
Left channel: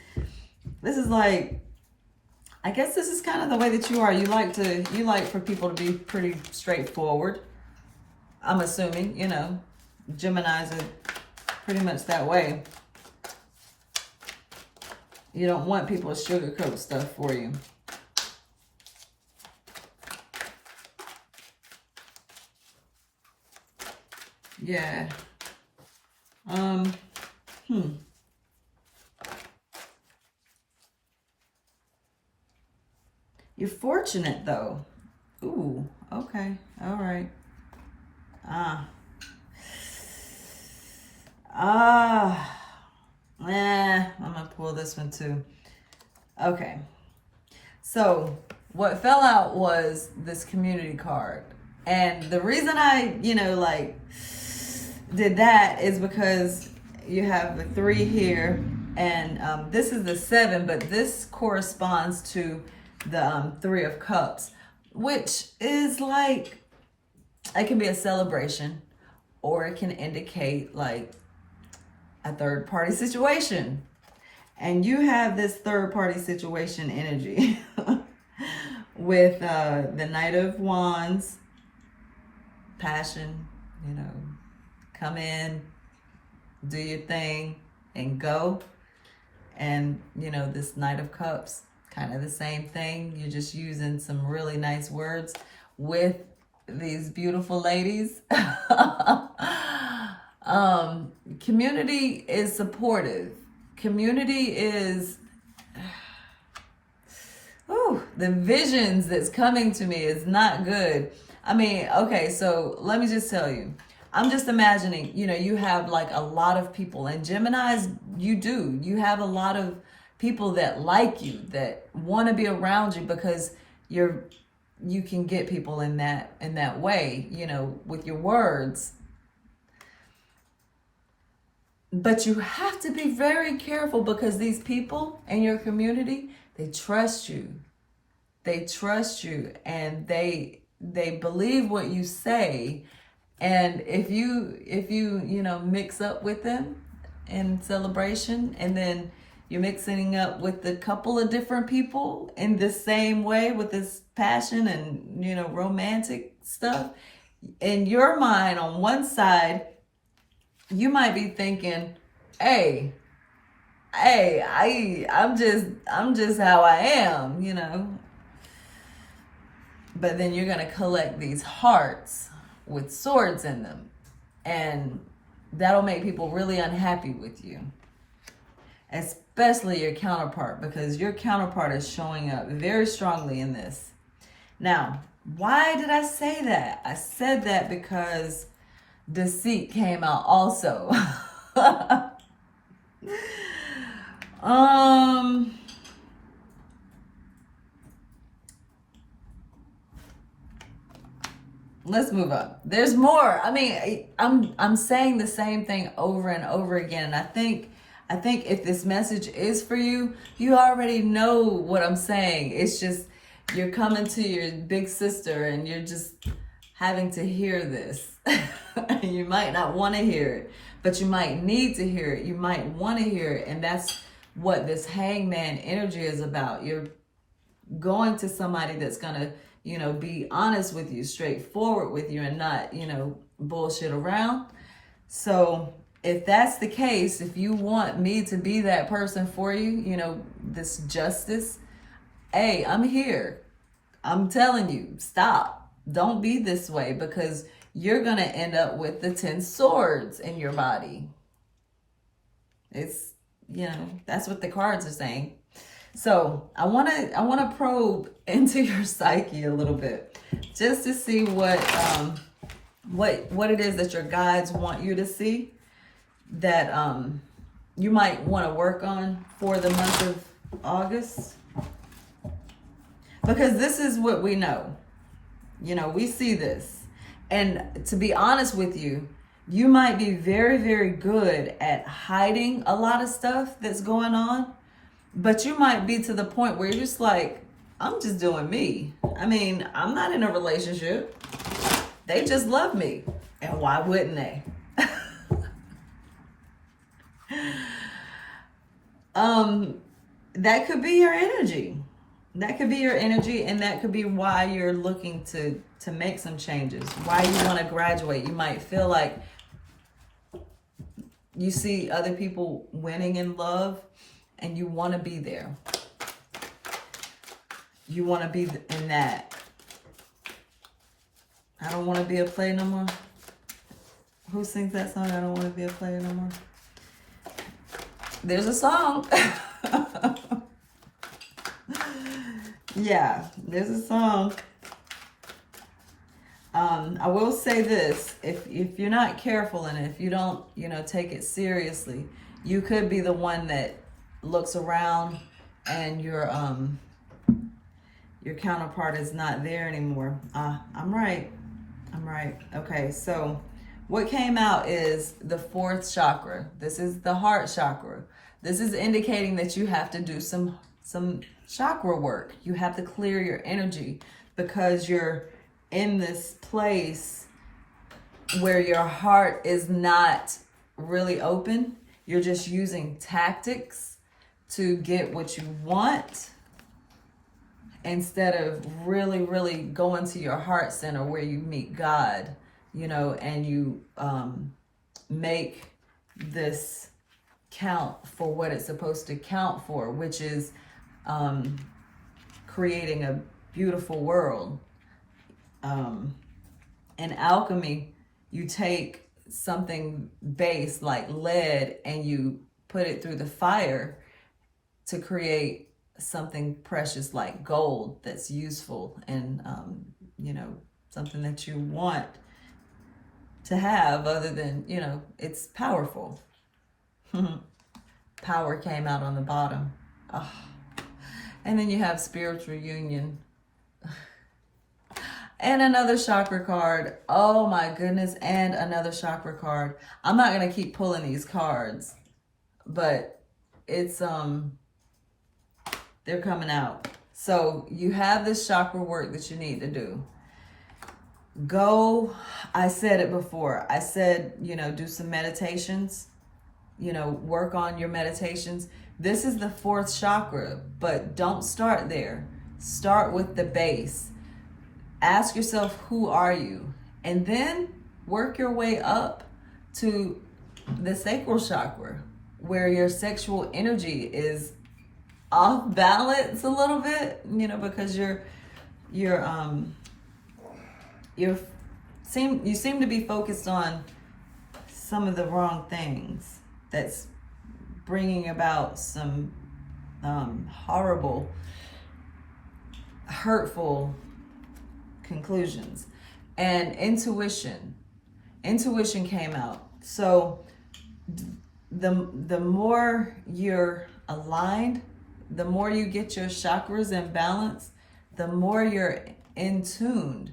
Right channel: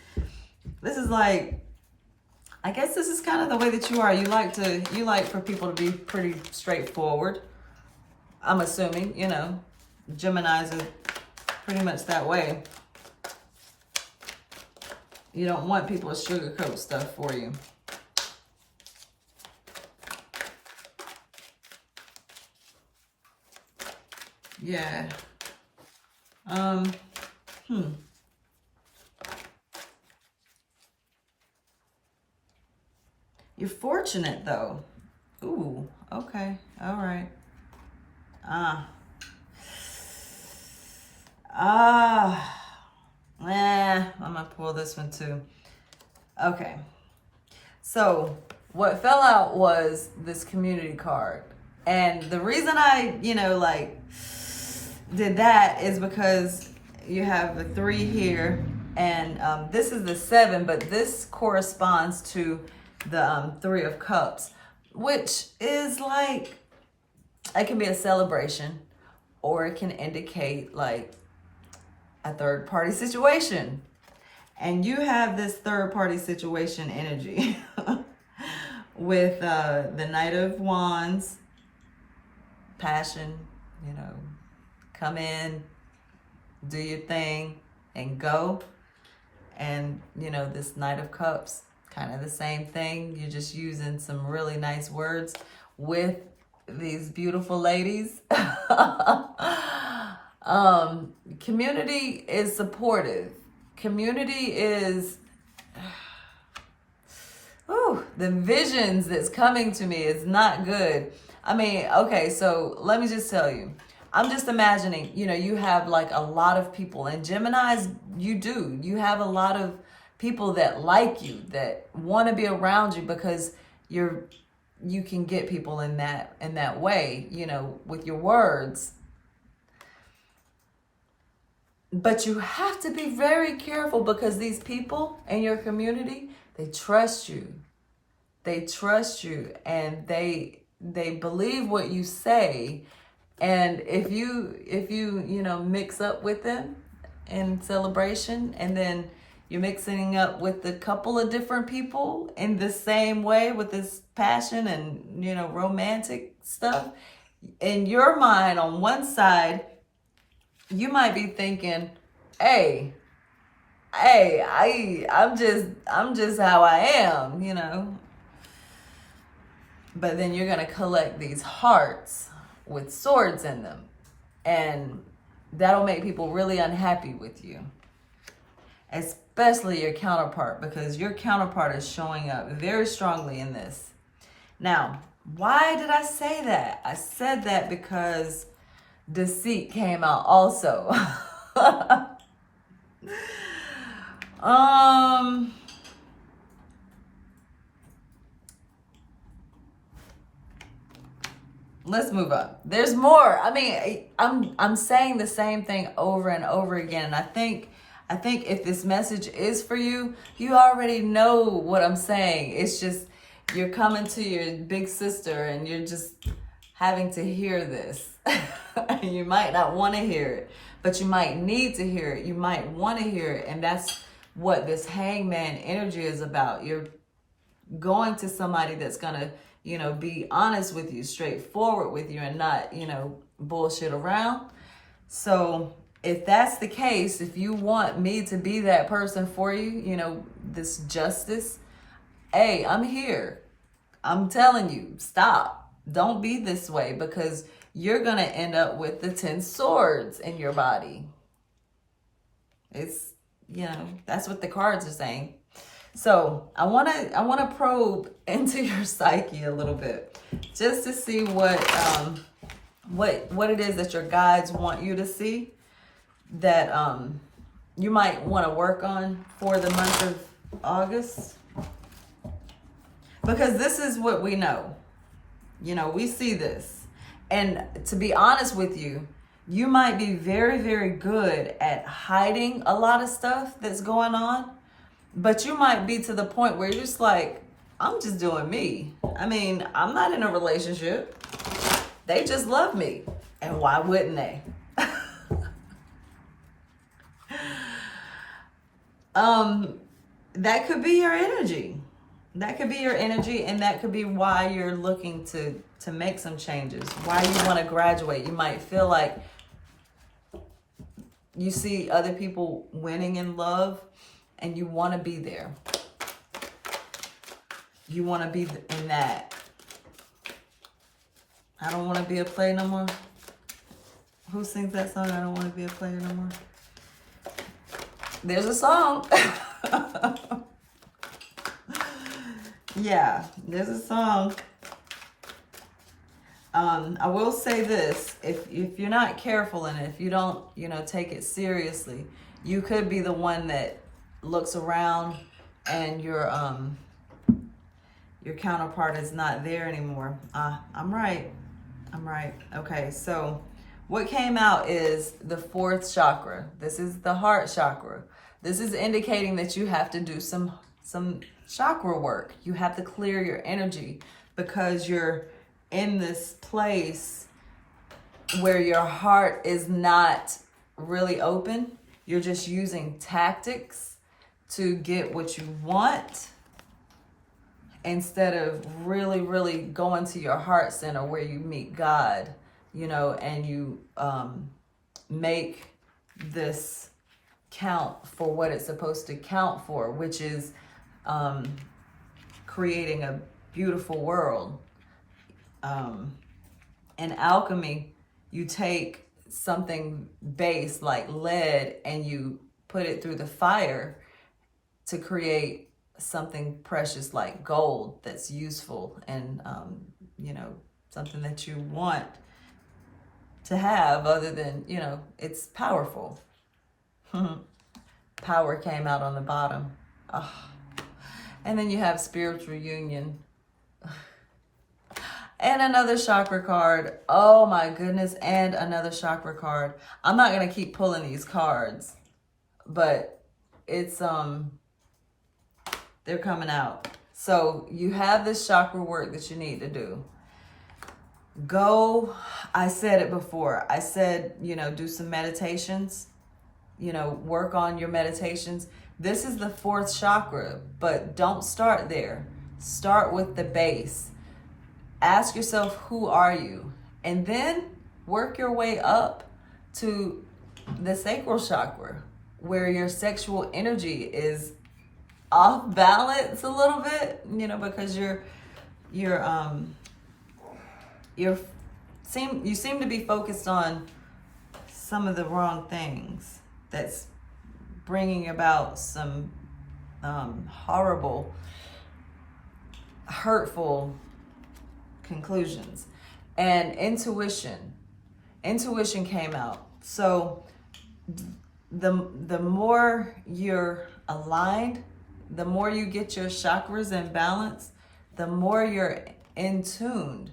like, I guess this is kind of the way that you are. You like for people to be pretty straightforward. I'm assuming, you know, Geminis are pretty much that way. You don't want people to sugarcoat stuff for you. Yeah. You're fortunate though. Ooh, okay. All right. I'm gonna pull this one too. Okay. So what fell out was this community card. And the reason I, you know, like did that is because you have the 3 here, and this is the 7, but this corresponds to the 3 of Cups, which is like, it can be a celebration, or it can indicate like a third party situation. And you have this third party situation energy with the Knight of Wands, passion, you know, come in, do your thing, and go. And, you know, this Knight of Cups, kind of the same thing. You're just using some really nice words with these beautiful ladies. Community is supportive. Community is, the visions that's coming to me is not good. I mean, okay, so let me just tell you. I'm just imagining, you know, you have like a lot of people, and Geminis, you have a lot of people that like you, that want to be around you, because you can get people in that way, you know, with your words. But you have to be very careful, because these people in your community, they trust you. They trust you, and they believe what you say. And if you you know, mix up with them in celebration, and then you're mixing up with a couple of different people in the same way with this passion and, you know, romantic stuff, in your mind on one side, you might be thinking, hey, I'm just how I am, you know. But then you're gonna collect these hearts with swords in them, and that'll make people really unhappy with you, especially your counterpart, because your counterpart is showing up very strongly in this. Now, why did I say that? I said that because deceit came out also. let's move on. There's more. I mean, I'm saying the same thing over and over again. And I think if this message is for you, you already know what I'm saying. It's just you're coming to your big sister and you're just having to hear this. You might not want to hear it, but you might need to hear it. You might want to hear it. And that's what this hangman energy is about. You're going to somebody that's going to, be honest with you, straightforward with you, and not, bullshit around. So if that's the case, if you want me to be that person for you, this justice, hey, I'm here. I'm telling you, stop. Don't be this way, because you're going to end up with the 10 swords in your body. It's, that's what the cards are saying. So I want to probe into your psyche a little bit, just to see what it is that your guides want you to see, that you might want to work on for the month of August. Because this is what we know. We see this. And to be honest with you, you might be very, very good at hiding a lot of stuff that's going on. But you might be to the point where you're just like, I'm just doing me. I mean, I'm not in a relationship. They just love me. And why wouldn't they? That could be your energy. That could be your energy, and that could be why you're looking to make some changes, why you want to graduate. You might feel like you see other people winning in love, and you want to be there. You want to be in that. I don't want to be a player no more. Who sings that song? I don't want to be a player no more. There's a song. Yeah, there's a song. I will say this, if you're not careful and if you don't, take it seriously, you could be the one that looks around and your counterpart is not there anymore. I'm right. Okay, so what came out is the 4th chakra. This is the heart chakra. This is indicating that you have to do some chakra work. You have to clear your energy, because you're in this place where your heart is not really open. You're just using tactics to get what you want, instead of really, really going to your heart center where you meet God, and you make this count for what it's supposed to count for, which is creating a beautiful world. In alchemy, you take something base like lead and you put it through the fire to create something precious like gold that's useful and, something that you want to have, other than, it's powerful. Power came out on the bottom. Oh. And then you have spiritual union. And another chakra card. Oh my goodness. And another chakra card. I'm not going to keep pulling these cards, but it's, they're coming out. So you have this chakra work that you need to do. Go, I said it before. I said, do some meditations, work on your meditations. This is the 4th chakra, but don't start there. Start with the base. Ask yourself, who are you? And then work your way up to the sacral chakra, where your sexual energy is off balance a little bit, because you seem to be focused on some of the wrong things that's bringing about some horrible, hurtful conclusions. And intuition came out. So the more you're aligned, the more you get your chakras in balance, the more you're in tuned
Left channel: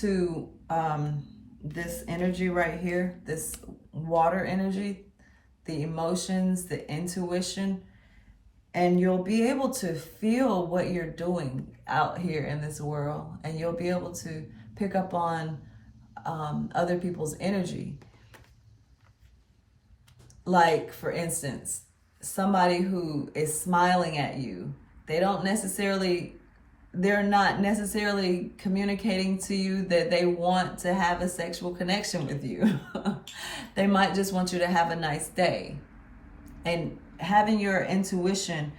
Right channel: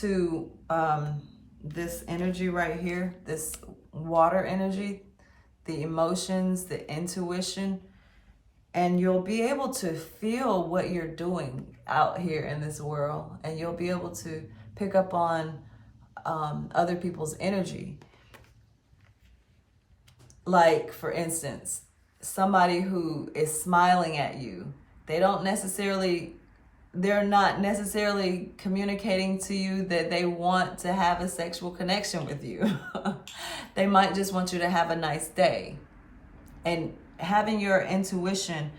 to this energy right here, this water energy, the emotions, the intuition, and you'll be able to feel what you're doing out here in this world, and you'll be able to pick up on other people's energy. Like, for instance, somebody who is smiling at you, they're not necessarily communicating to you that they want to have a sexual connection with you. They might just want you to have a nice day. And having your intuition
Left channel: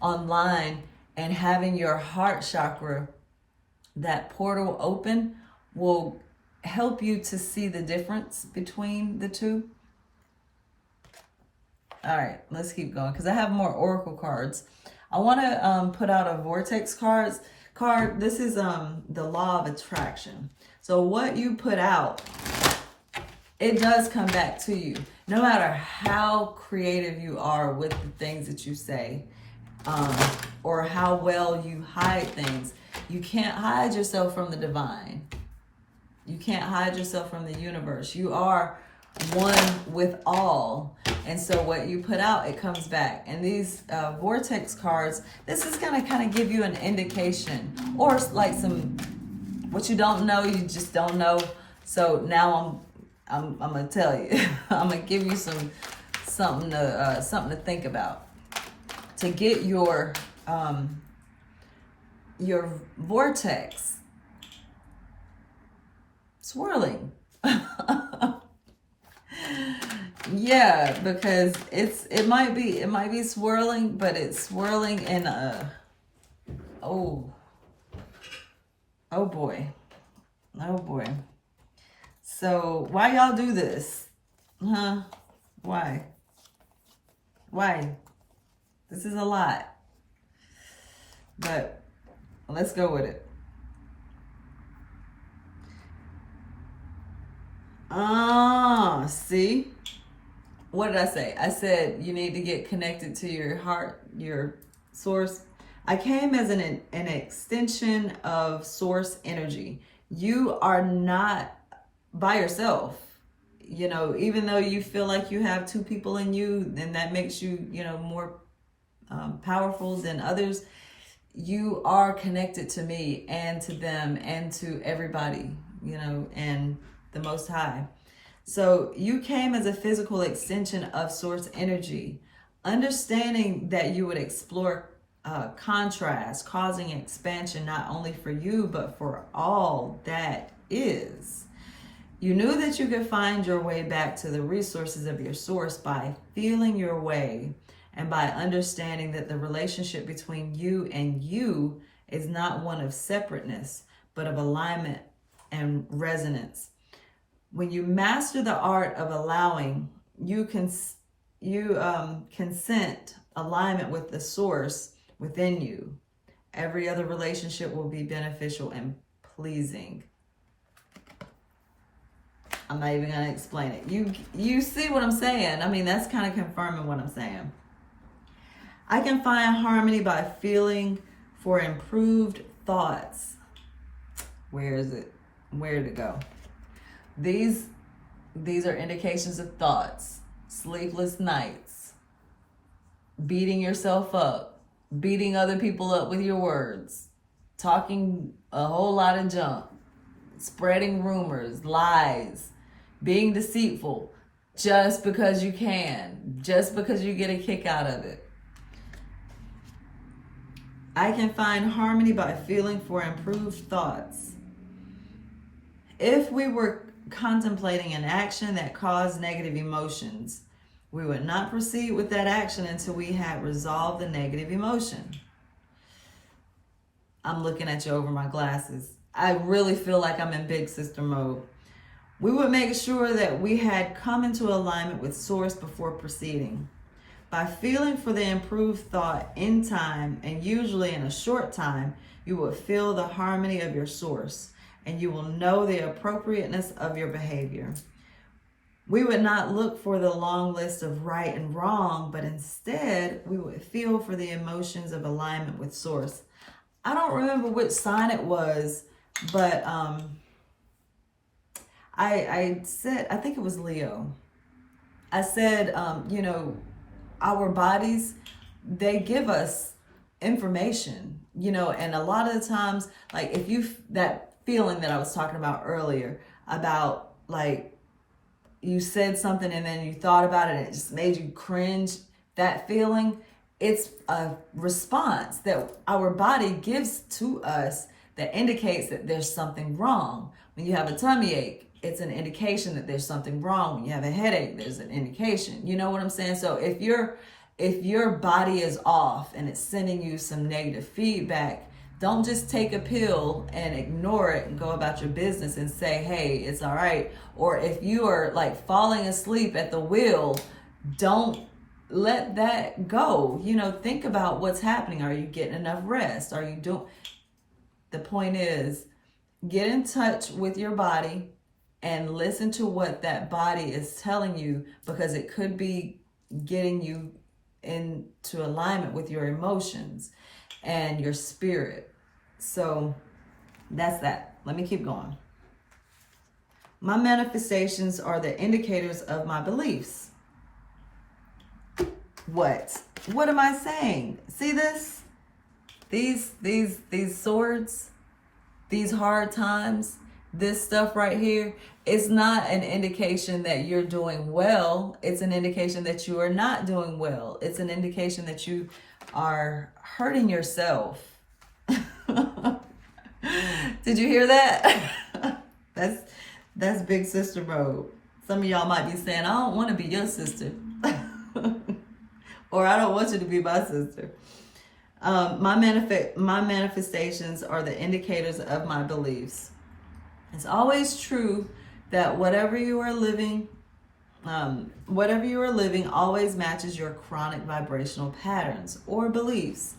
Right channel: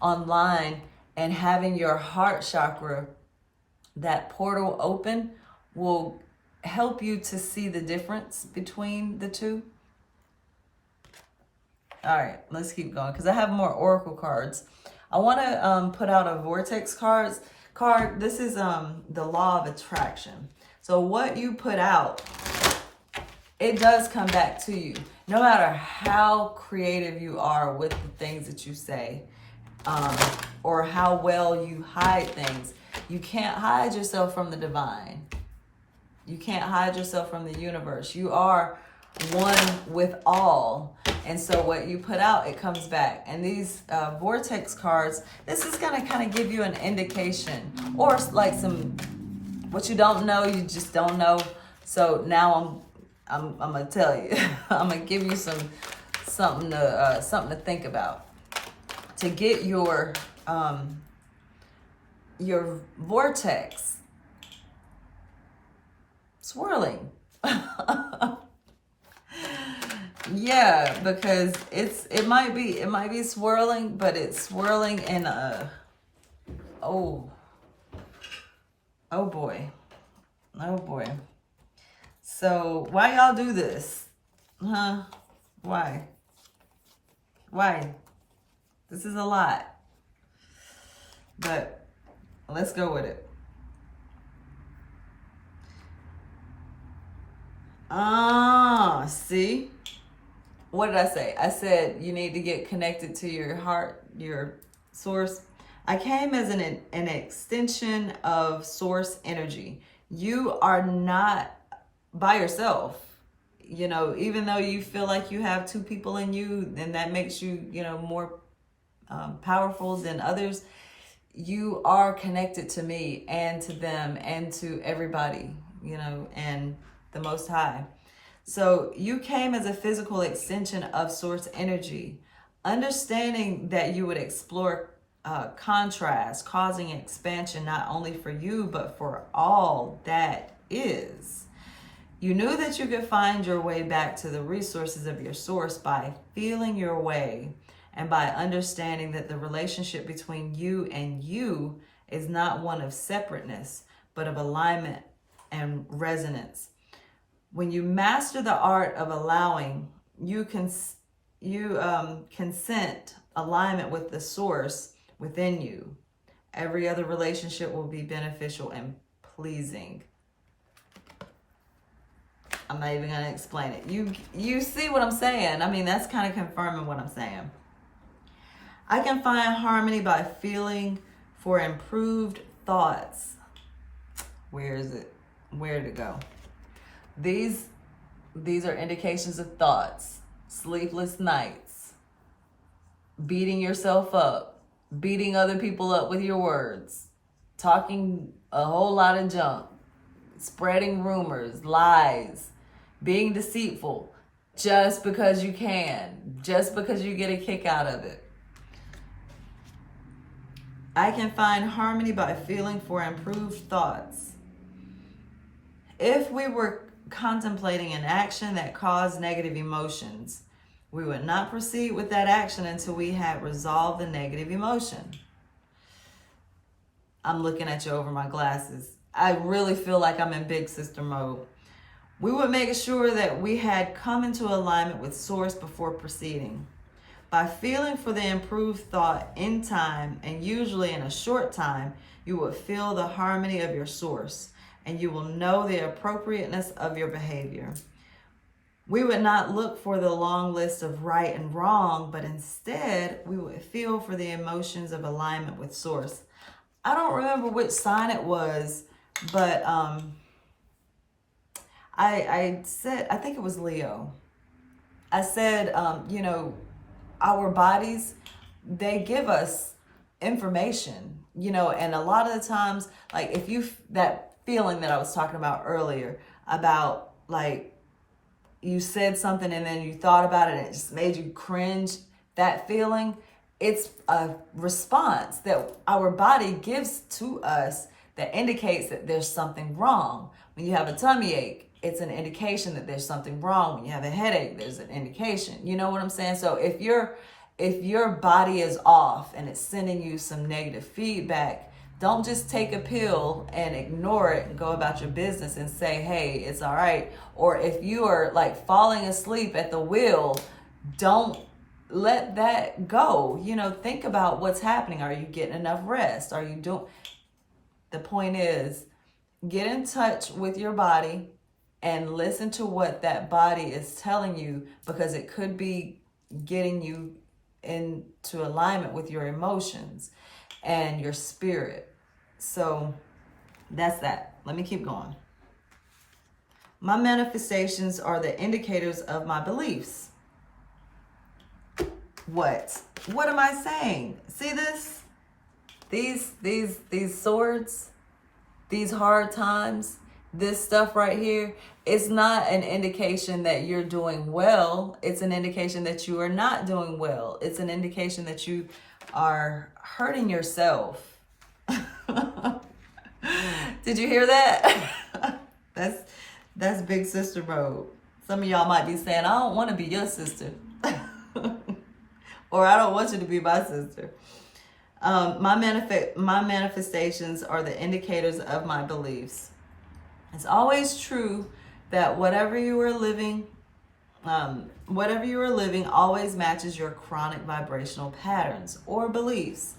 online and having your heart chakra, that portal open, will help you to see the difference between the two. All right, let's keep going because I have more oracle cards. I want to put out a Vortex card. This is the law of attraction. So what you put out, it does come back to you. No matter how creative you are with the things that you say, or how well you hide things, you can't hide yourself from the divine. You can't hide yourself from the universe. You are one with all. And so what you put out, it comes back. And these Vortex cards, this is going to kind of give you an indication, or like some, what you don't know, you just don't know. So now I'm going to tell you, I'm going to give you something to think about to get your vortex swirling. Yeah, because it might be swirling, but it's swirling in a oh boy. So why y'all do this? Huh? Why? This is a lot. But let's go with it. See? What did I say? I said you need to get connected to your heart, your source. I came as an extension of source energy. You are not by yourself. You know, even though you feel like you have two people in you, and that makes you, more powerful than others, you are connected to me and to them and to everybody, and the Most High. So you came as a physical extension of source energy, understanding that you would explore contrast, causing expansion not only for you, but for all that is. You knew that you could find your way back to the resources of your source by feeling your way and by understanding that the relationship between you and you is not one of separateness, but of alignment and resonance. When you master the art of allowing, you consent alignment with the source within you. Every other relationship will be beneficial and pleasing. I'm not even going to explain it. You see what I'm saying? I mean, that's kind of confirming what I'm saying. I can find harmony by feeling for improved thoughts. Where is it? Where did it go? These are indications of thoughts, sleepless nights, beating yourself up, beating other people up with your words, talking a whole lot of junk, spreading rumors, lies, being deceitful just because you can, just because you get a kick out of it. I can find harmony by feeling for improved thoughts. If we were contemplating an action that caused negative emotions, we would not proceed with that action until we had resolved the negative emotion. I'm looking at you over my glasses. I really feel like I'm in big sister mode. We would make sure that we had come into alignment with source before proceeding. By feeling for the improved thought in time, and usually in a short time, you will feel the harmony of your source, and you will know the appropriateness of your behavior. We would not look for the long list of right and wrong, but instead we would feel for the emotions of alignment with source. I don't remember which sign it was, but I said, I think it was Leo. I said, our bodies, they give us information, and a lot of the times, like if you, that feeling that I was talking about earlier about like you said something and then you thought about it and it just made you cringe, that feeling, it's a response that our body gives to us that indicates that there's something wrong. When you have a tummy ache, it's an indication that there's something wrong. When you have a headache, there's an indication. You know what I'm saying? So if your body is off and it's sending you some negative feedback, don't just take a pill and ignore it and go about your business and say, hey, it's all right. Or if you are like falling asleep at the wheel, don't let that go. Think about what's happening. Are you getting enough rest? Are you doing? The point is, get in touch with your body and listen to what that body is telling you, because it could be getting you into alignment with your emotions and your spirit. So that's that. Let me keep going. My manifestations are the indicators of my beliefs. What am I saying? See this? These swords, these hard times, this stuff right here, it's not an indication that you're doing well. It's an indication that you are not doing well. It's an indication that you are hurting yourself. Did you hear that? That's big sister mode. Some of y'all might be saying, I don't want to be your sister. Or I don't want you to be my sister. My manifestations are the indicators of my beliefs. It's always true that whatever you are living always matches your chronic vibrational patterns or beliefs.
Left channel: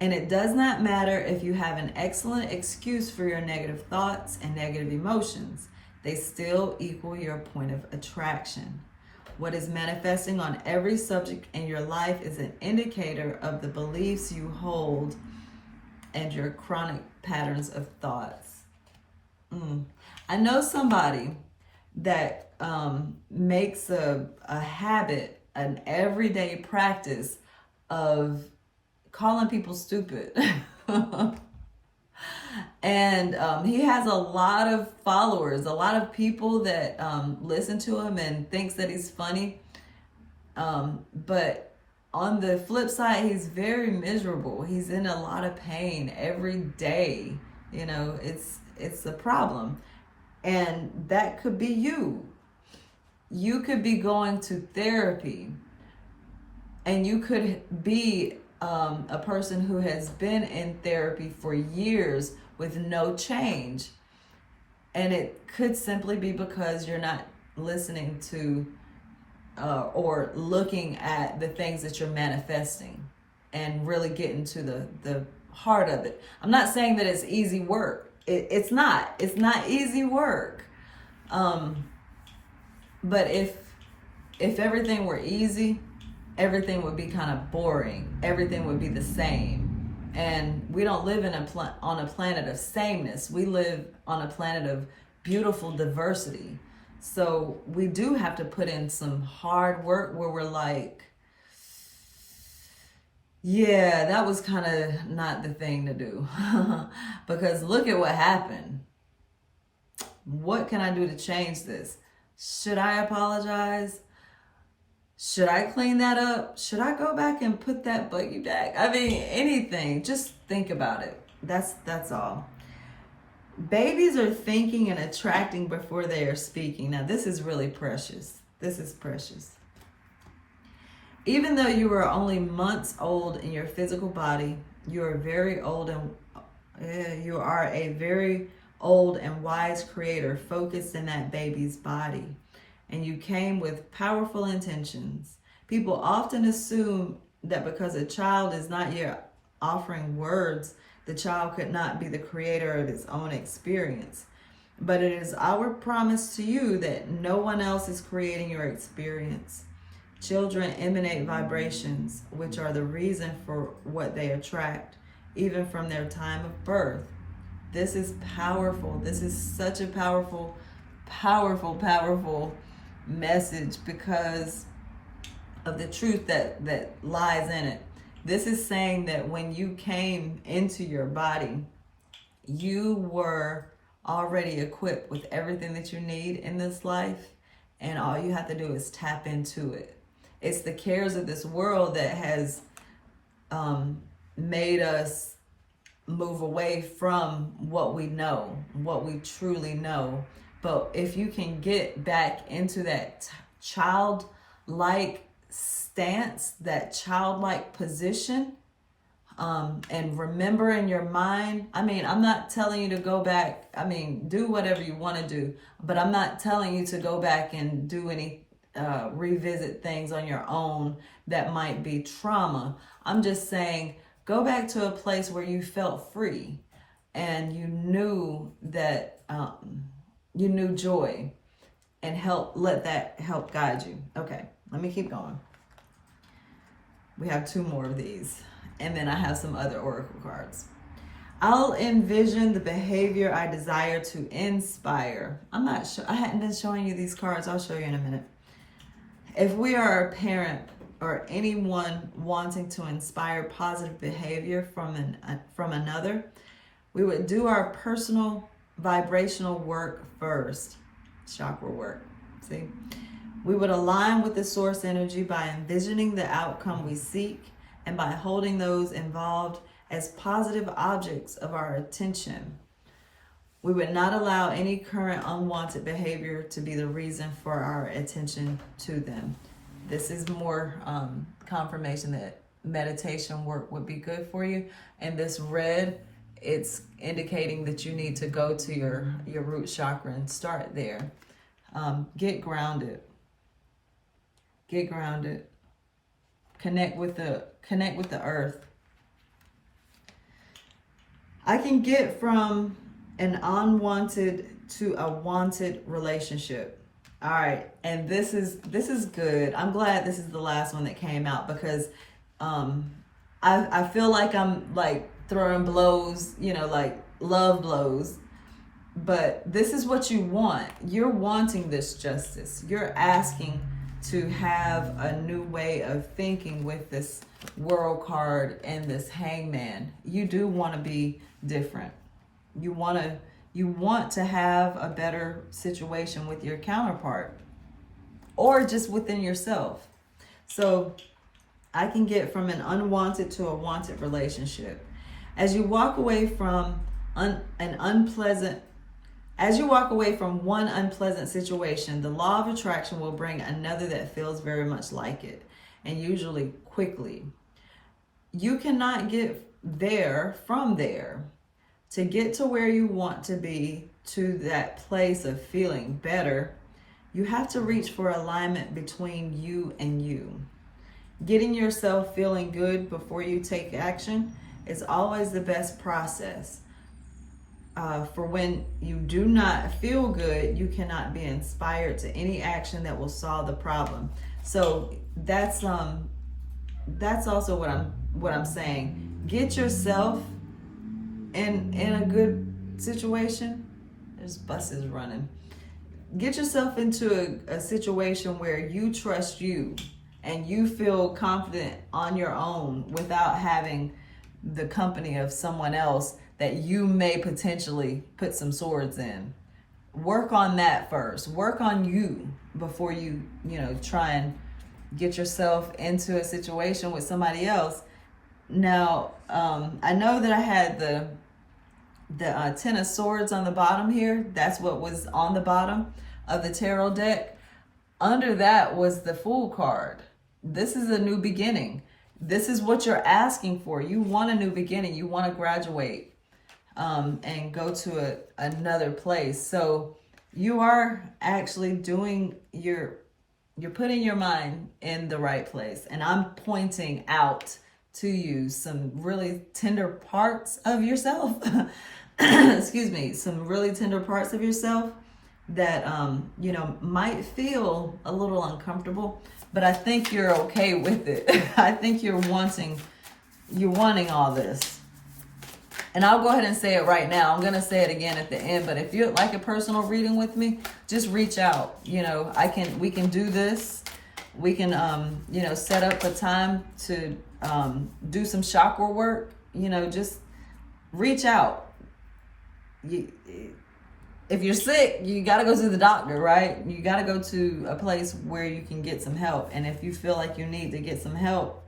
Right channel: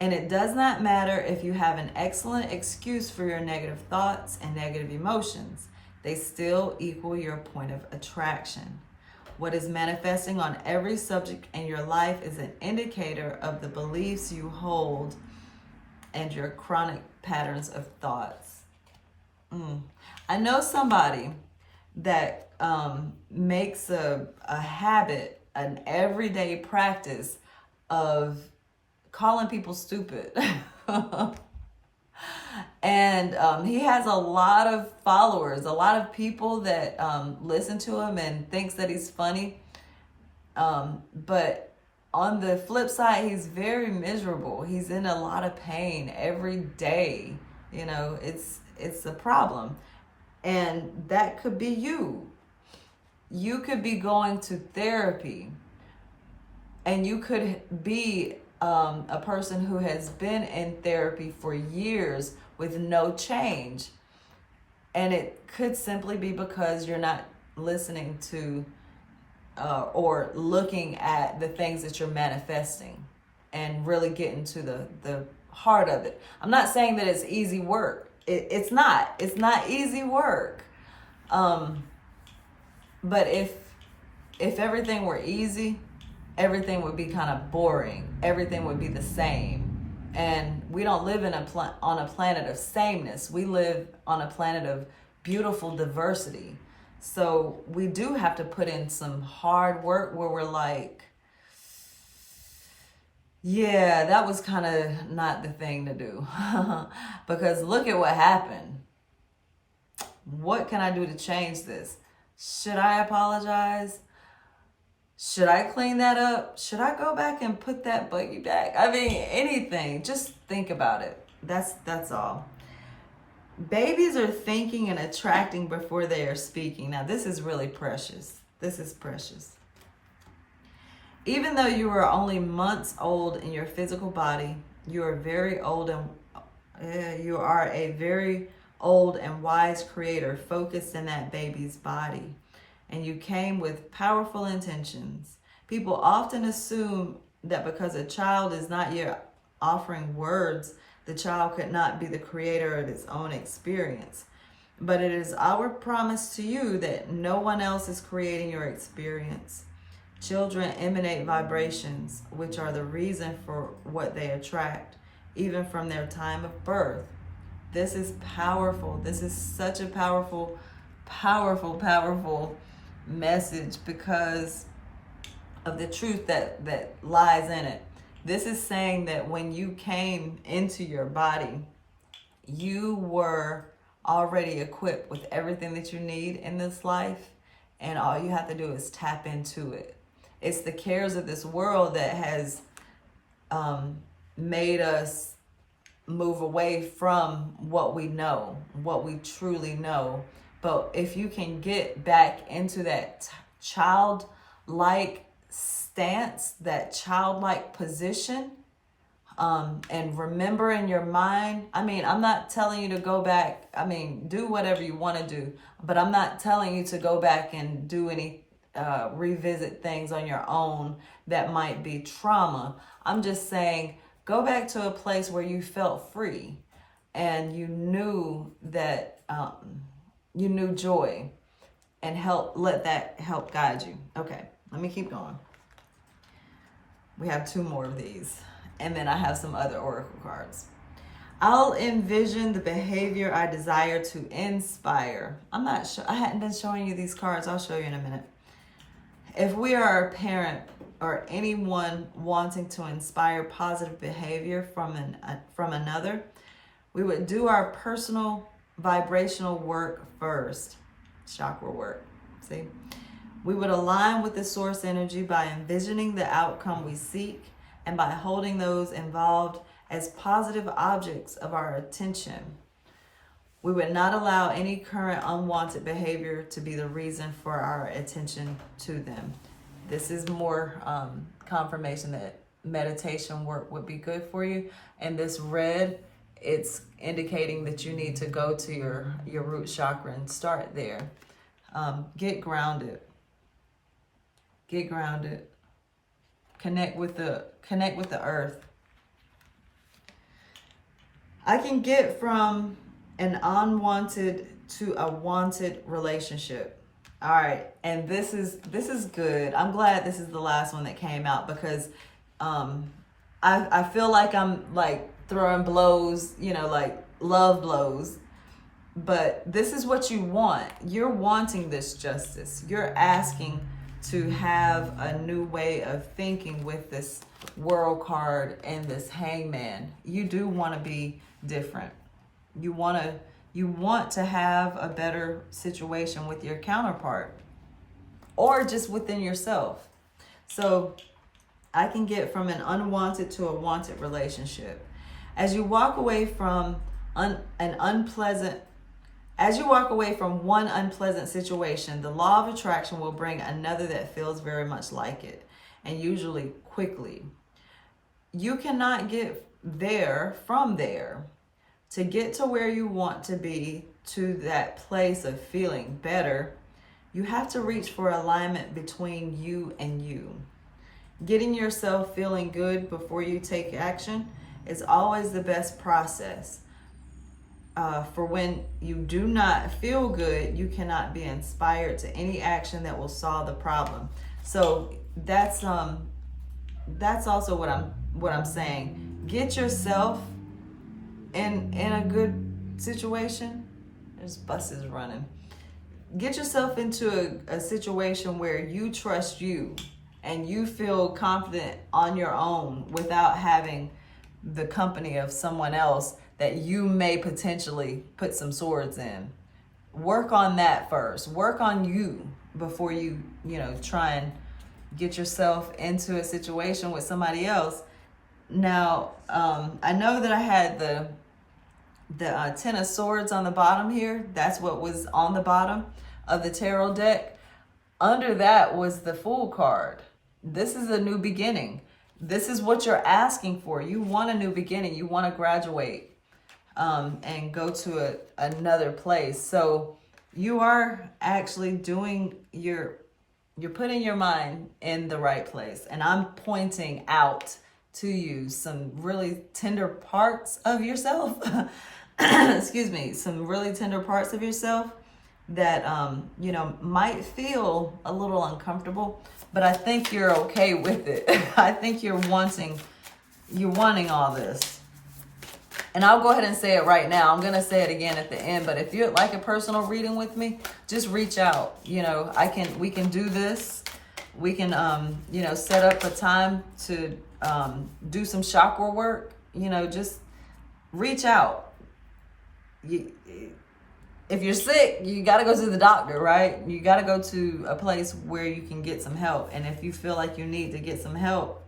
And it does not matter if you have an excellent excuse for your negative thoughts and negative emotions. They still equal your point of attraction. What is manifesting on every subject in your life is an indicator of the beliefs you hold and your chronic patterns of thoughts. I know somebody that makes a habit, an everyday practice of calling people stupid. And he has a lot of followers, a lot of people that listen to him and thinks that he's funny. But on the flip side, he's very miserable. He's in a lot of pain every day. It's a problem. And that could be you. You could be going to therapy, and you could be a person who has been in therapy for years with no change. And it could simply be because you're not listening to or looking at the things that you're manifesting and really getting to the heart of it. I'm not saying that it's easy work. It's not easy work. But if everything were easy, everything would be kind of boring. Everything would be the same. And we don't live on a planet of sameness. We live on a planet of beautiful diversity. So we do have to put in some hard work where we're like, yeah, that was kind of not the thing to do. Because look at what happened. What can I do to change this? Should I apologize? Should I clean that up? Should I go back and put that buggy back? I mean, anything. Just think about it. That's all. Babies are thinking and attracting before they are speaking. Now, this is really precious. This is precious. Even though you are only months old in your physical body, you are very old and you are a very old and wise creator focused in that baby's body. And you came with powerful intentions. People often assume that because a child is not yet offering words, the child could not be the creator of its own experience. But it is our promise to you that no one else is creating your experience. Children emanate vibrations, which are the reason for what they attract, even from their time of birth. This is powerful. This is such a powerful powerful, powerful message because of the truth that lies in it. This is saying that when you came into your body, you were already equipped with everything that you need in this life, and all you have to do is tap into it. It's the cares of this world that has made us move away from what we know, what we truly know. But if you can get back into that childlike stance, that childlike position, and remember in your mind, I mean, I'm not telling you to go back. I mean, do whatever you want to do, but I'm not telling you to go back and do any, revisit things on your own that might be trauma. I'm just saying, go back to a place where you felt free and you knew that, you knew joy, and let that help guide you. Okay, let me keep going. We have 2 more of these, and then I have some other oracle cards. I'll envision the behavior I desire to inspire. I'm not sure, I hadn't been showing you these cards. I'll show you in a minute. If we are a parent or anyone wanting to inspire positive behavior from another, we would do our personal vibrational work first, chakra work. See, we would align with the source energy by envisioning the outcome we seek and by holding those involved as positive objects of our attention. We would not allow any current unwanted behavior to be the reason for our attention to them. This is more confirmation that meditation work would be good for you. And this red, it's indicating that you need to go to your root chakra and start there. Get grounded. Get grounded. Connect with the earth. I can get from an unwanted to a wanted relationship. All right, and this is good. I'm glad this is the last one that came out because I feel like I'm like throwing blows, you know, like love blows. But this is what you want. You're wanting this justice. You're asking to have a new way of thinking with this world card and this hangman. You do want to be different. You want to have a better situation with your counterpart or just within yourself. So I can get from an unwanted to a wanted relationship. As you walk away from one unpleasant situation, the law of attraction will bring another that feels very much like it, and usually quickly. You cannot get there from there. To get to where you want to be, to that place of feeling better, you have to reach for alignment between you and you. Getting yourself feeling good before you take action is always the best process. For when you do not feel good, you cannot be inspired to any action that will solve the problem. So that's also what I'm saying. Get yourself in a good situation. There's buses running. Get yourself into a situation where you trust you and you feel confident on your own without having the company of someone else that you may potentially put some swords in. Work on that first. Work on you before you try and get yourself into a situation with somebody else. Now, I know that I had the 10 of Swords on the bottom here. That's what was on the bottom of the tarot deck. Under that was the Fool card. This is a new beginning. This is what you're asking for. You want a new beginning. You want to graduate and go to another place. So you are actually you're putting your mind in the right place. And I'm pointing out to you some really tender parts of yourself. Excuse me, some really tender parts of yourself that, might feel a little uncomfortable, but I think you're okay with it. I think you're wanting all this. And I'll go ahead and say it right now. I'm going to say it again at the end. But if you'd like a personal reading with me, just reach out. You know, we can do this. We can, you know, set up a time to do some chakra work. You know, just reach out. If you're sick, you got to go to the doctor, right? You got to go to a place where you can get some help. And if you feel like you need to get some help,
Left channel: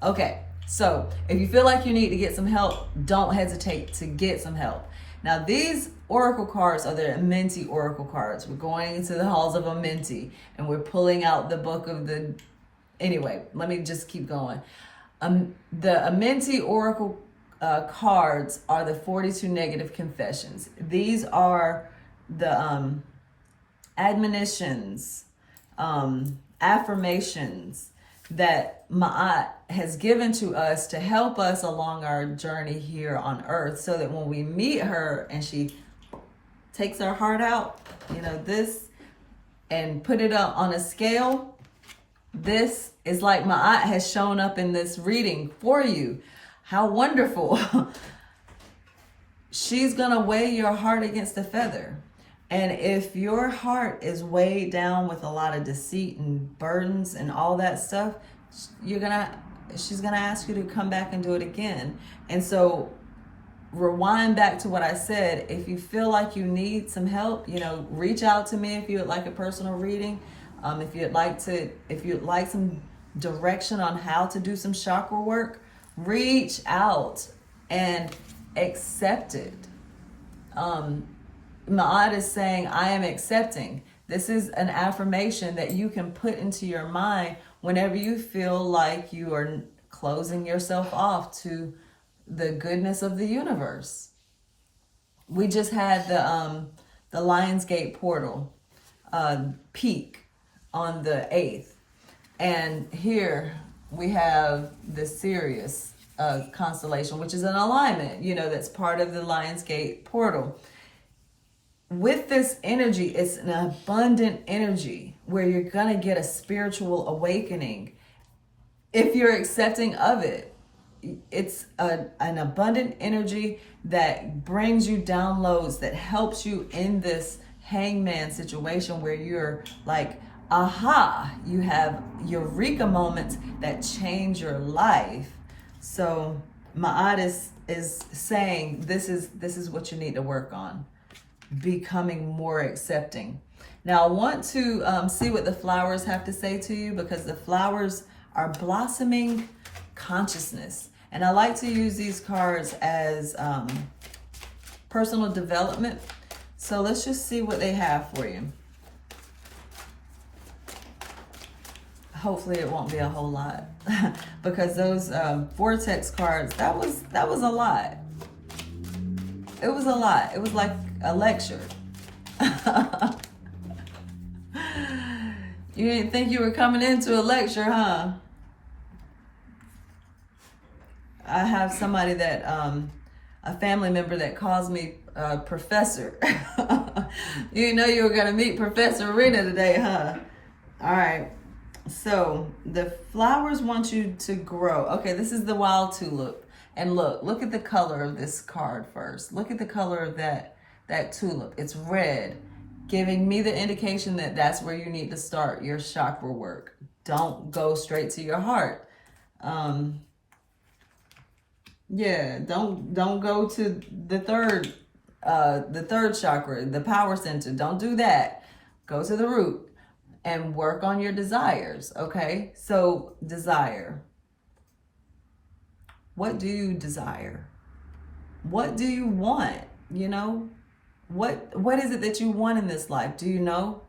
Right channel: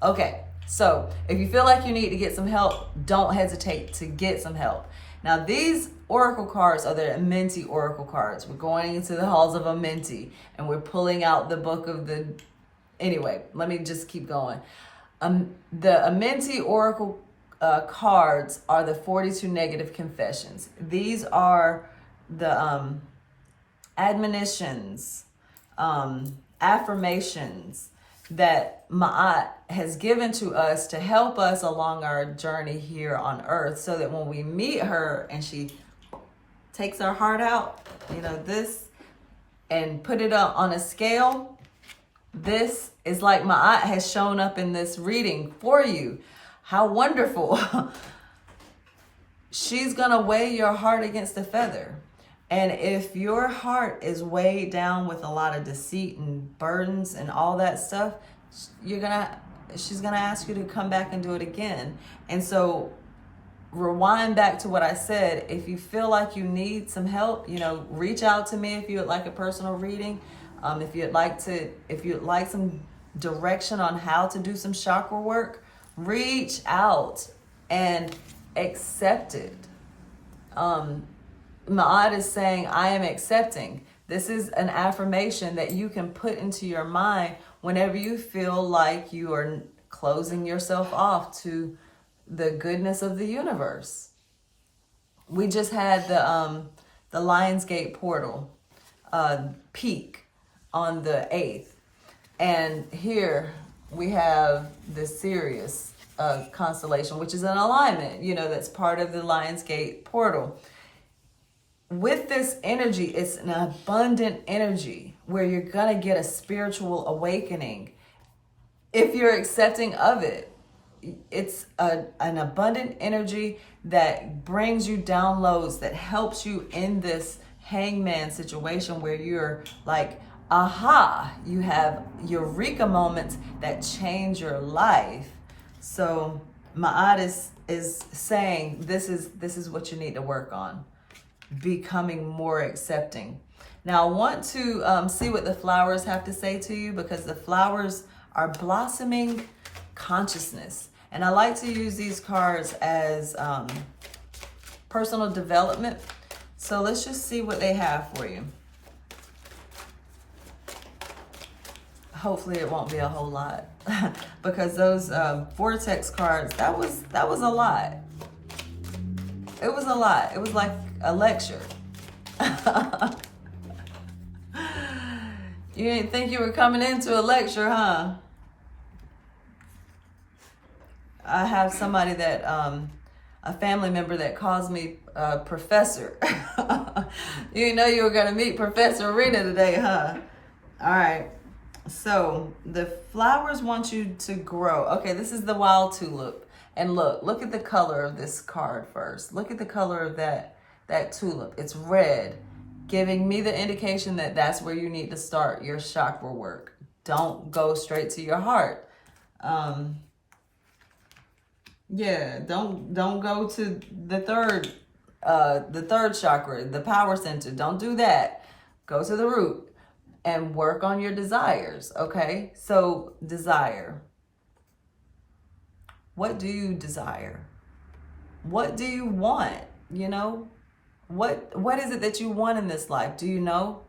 okay. So if you feel like you need to get some help, don't hesitate to get some help. Now, these oracle cards are the Amenti oracle cards. We're going into the halls of Amenti, and we're pulling out the book of the... Anyway, let me just keep going. The Amenti oracle cards are the 42 negative confessions. These are the admonitions, affirmations that Ma'at has given to us to help us along our journey here on earth, so that when we meet her and she takes our heart out, you know, this, and put it up on a scale, this is like Ma'at has shown up in this reading for you. How wonderful. She's gonna weigh your heart against a feather. And if your heart is weighed down with a lot of deceit and burdens and all that stuff, she's gonna ask you to come back and do it again. And so rewind back to what I said. If you feel like you need some help, you know, reach out to me if you would like a personal reading. If you'd like some direction on how to do some chakra work, reach out and accept it. Ma'at is saying, I am accepting. This is an affirmation that you can put into your mind whenever you feel like you are closing yourself off to the goodness of the universe. We just had the Lionsgate portal peak on the 8th. And here we have the Sirius constellation, which is an alignment, you know, that's part of the Lionsgate portal. With this energy, it's an abundant energy where you're going to get a spiritual awakening. If you're accepting of it, it's an abundant energy that brings you downloads, that helps you in this hangman situation where you're like, aha, you have eureka moments that change your life. So Ma'at is saying this is what you need to work on. Becoming more accepting. Now I want to see what the flowers have to say to you, because the flowers are blossoming consciousness. And I like to use these cards as personal development. So let's just see what they have for you. Hopefully it won't be a whole lot because those Vortex cards, that was a lot. It was a lot. It was like a lecture. You didn't think you were coming into a lecture, huh? I have somebody that, a family member that calls me Professor. You know you were going to meet Professor Rena today, huh? All right. So the flowers want you to grow. Okay, this is the wild tulip. And look at the color of this card first. Look at the color of that tulip. It's red, giving me the indication that that's where you need to start your chakra work. Don't go straight to your heart. Yeah, don't go to the third chakra, the power center. Don't do that. Go to the root and work on your desires, okay? So desire. What do you desire? What do you want? You know, what is it that you want in this life? Do you know?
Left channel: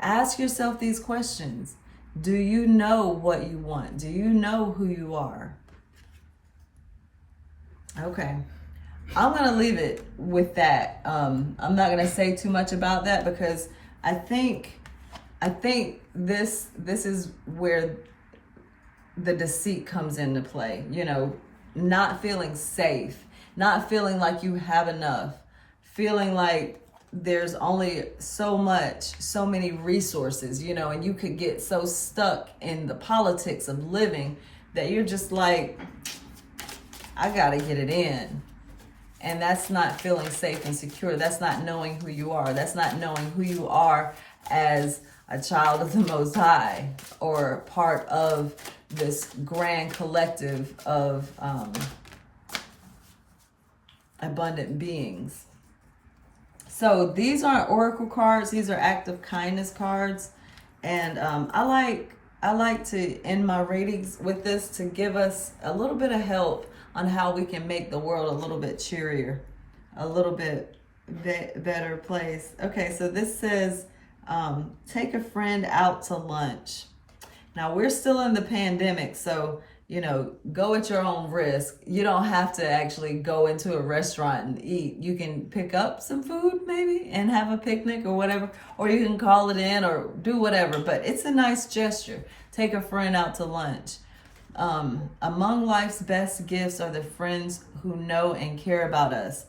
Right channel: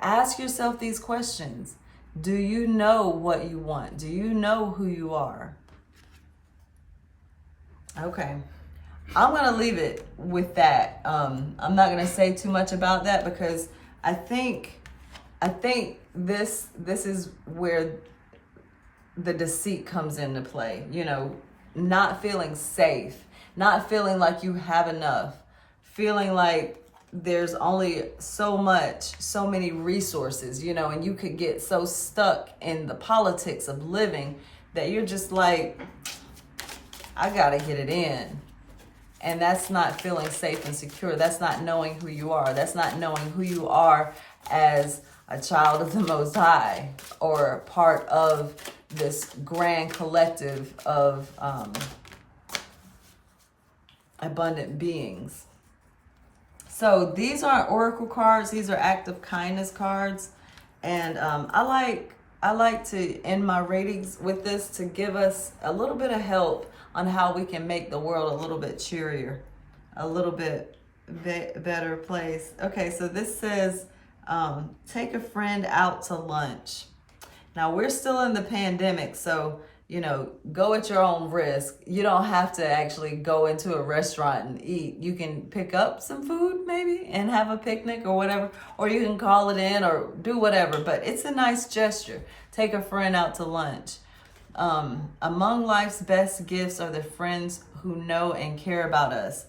Ask yourself these questions. Do you know what you want? Do you know who you are? Okay, I'm gonna leave it with that. I'm not gonna say too much about that because I think this is where the deceit comes into play. You know, not feeling safe, not feeling like you have enough, feeling like there's only so many resources, you know, and you could get so stuck in the politics of living that you're just like, I got to get it in. And that's not feeling safe and secure. That's not knowing who you are. That's not knowing who you are as a child of the Most High, or part of this grand collective of abundant beings. So these aren't oracle cards. These are act of kindness cards. And I like to end my readings with this to give us a little bit of help on how we can make the world a little bit cheerier, a little bit better place. Okay, so this says, take a friend out to lunch. Now, we're still in the pandemic, so, you know, go at your own risk. You don't have to actually go into a restaurant and eat. You can pick up some food maybe and have a picnic or whatever, or you can call it in or do whatever, but it's a nice gesture. Take a friend out to lunch. Among life's best gifts are the friends who know and care about us.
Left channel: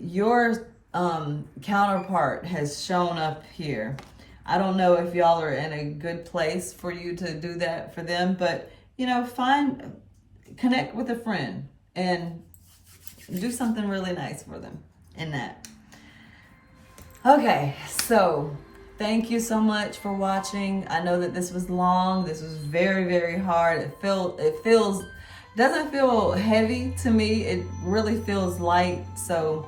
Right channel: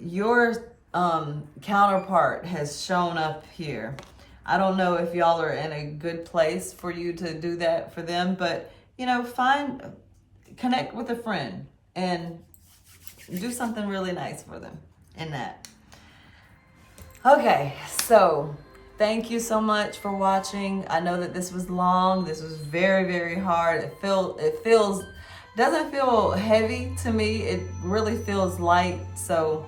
Your counterpart has shown up here. I don't know if y'all are in a good place for you to do that for them, but, you know, connect with a friend and do something really nice for them in that. Okay, so thank you so much for watching. I know that this was long. This was very, very hard. It doesn't feel heavy to me. It really feels light. So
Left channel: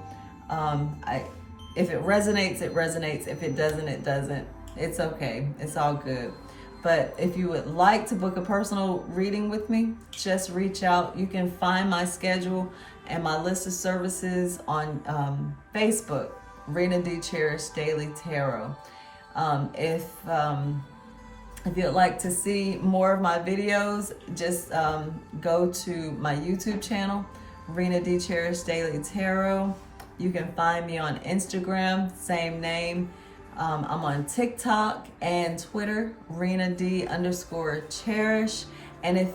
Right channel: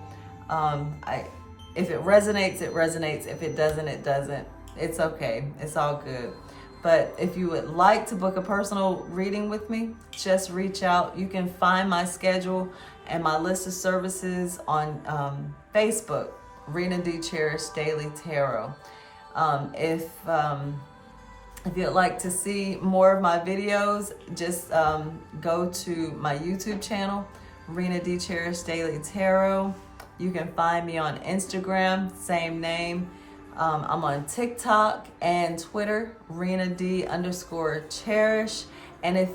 if it resonates, it resonates. If it doesn't, it doesn't. It's okay. It's all good. But if you would like to book a personal reading with me, just reach out. You can find my schedule and my list of services on Facebook, Rena D. Cherish Daily Tarot. If you'd like to see more of my videos, just go to my YouTube channel, Rena D. Cherish Daily Tarot. You can find me on Instagram, same name. I'm on TikTok and Twitter, Rena D_Cherish. And if,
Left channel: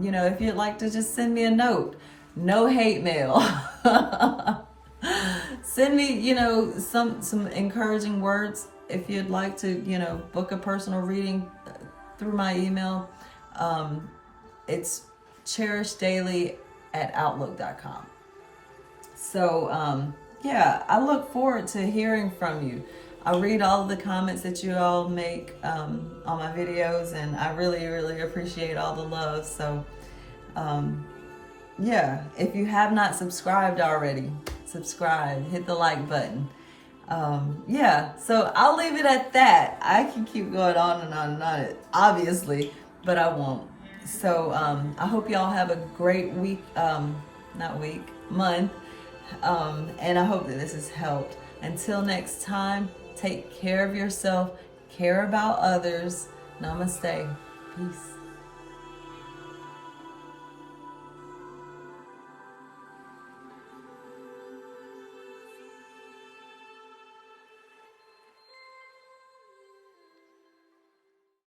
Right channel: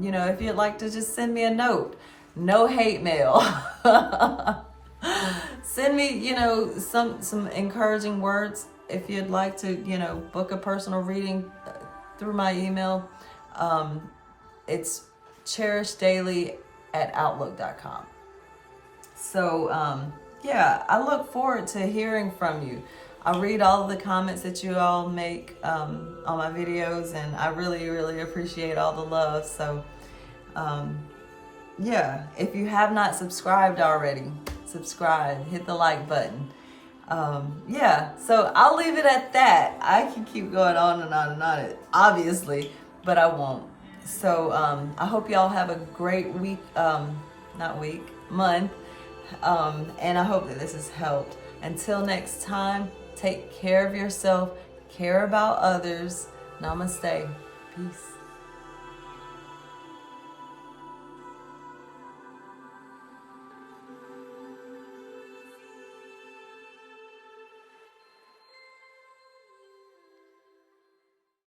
you know, if you'd like to just send me a note, no hate mail. Send me, you know, some encouraging words. If you'd like to, you know, book a personal reading through my email, it's cherishdaily@outlook.com. So, yeah, I look forward to hearing from you. I read all of the comments that you all make on my videos, and I really, really appreciate all the love. So, yeah, if you have not subscribed already, subscribe, hit the like button. Yeah, so I'll leave it at that. I can keep going on and on and on, obviously, but I won't. So, I hope y'all have a great week, month, and I hope that this has helped. Until next time, take care of yourself, care about others. Namaste. Peace.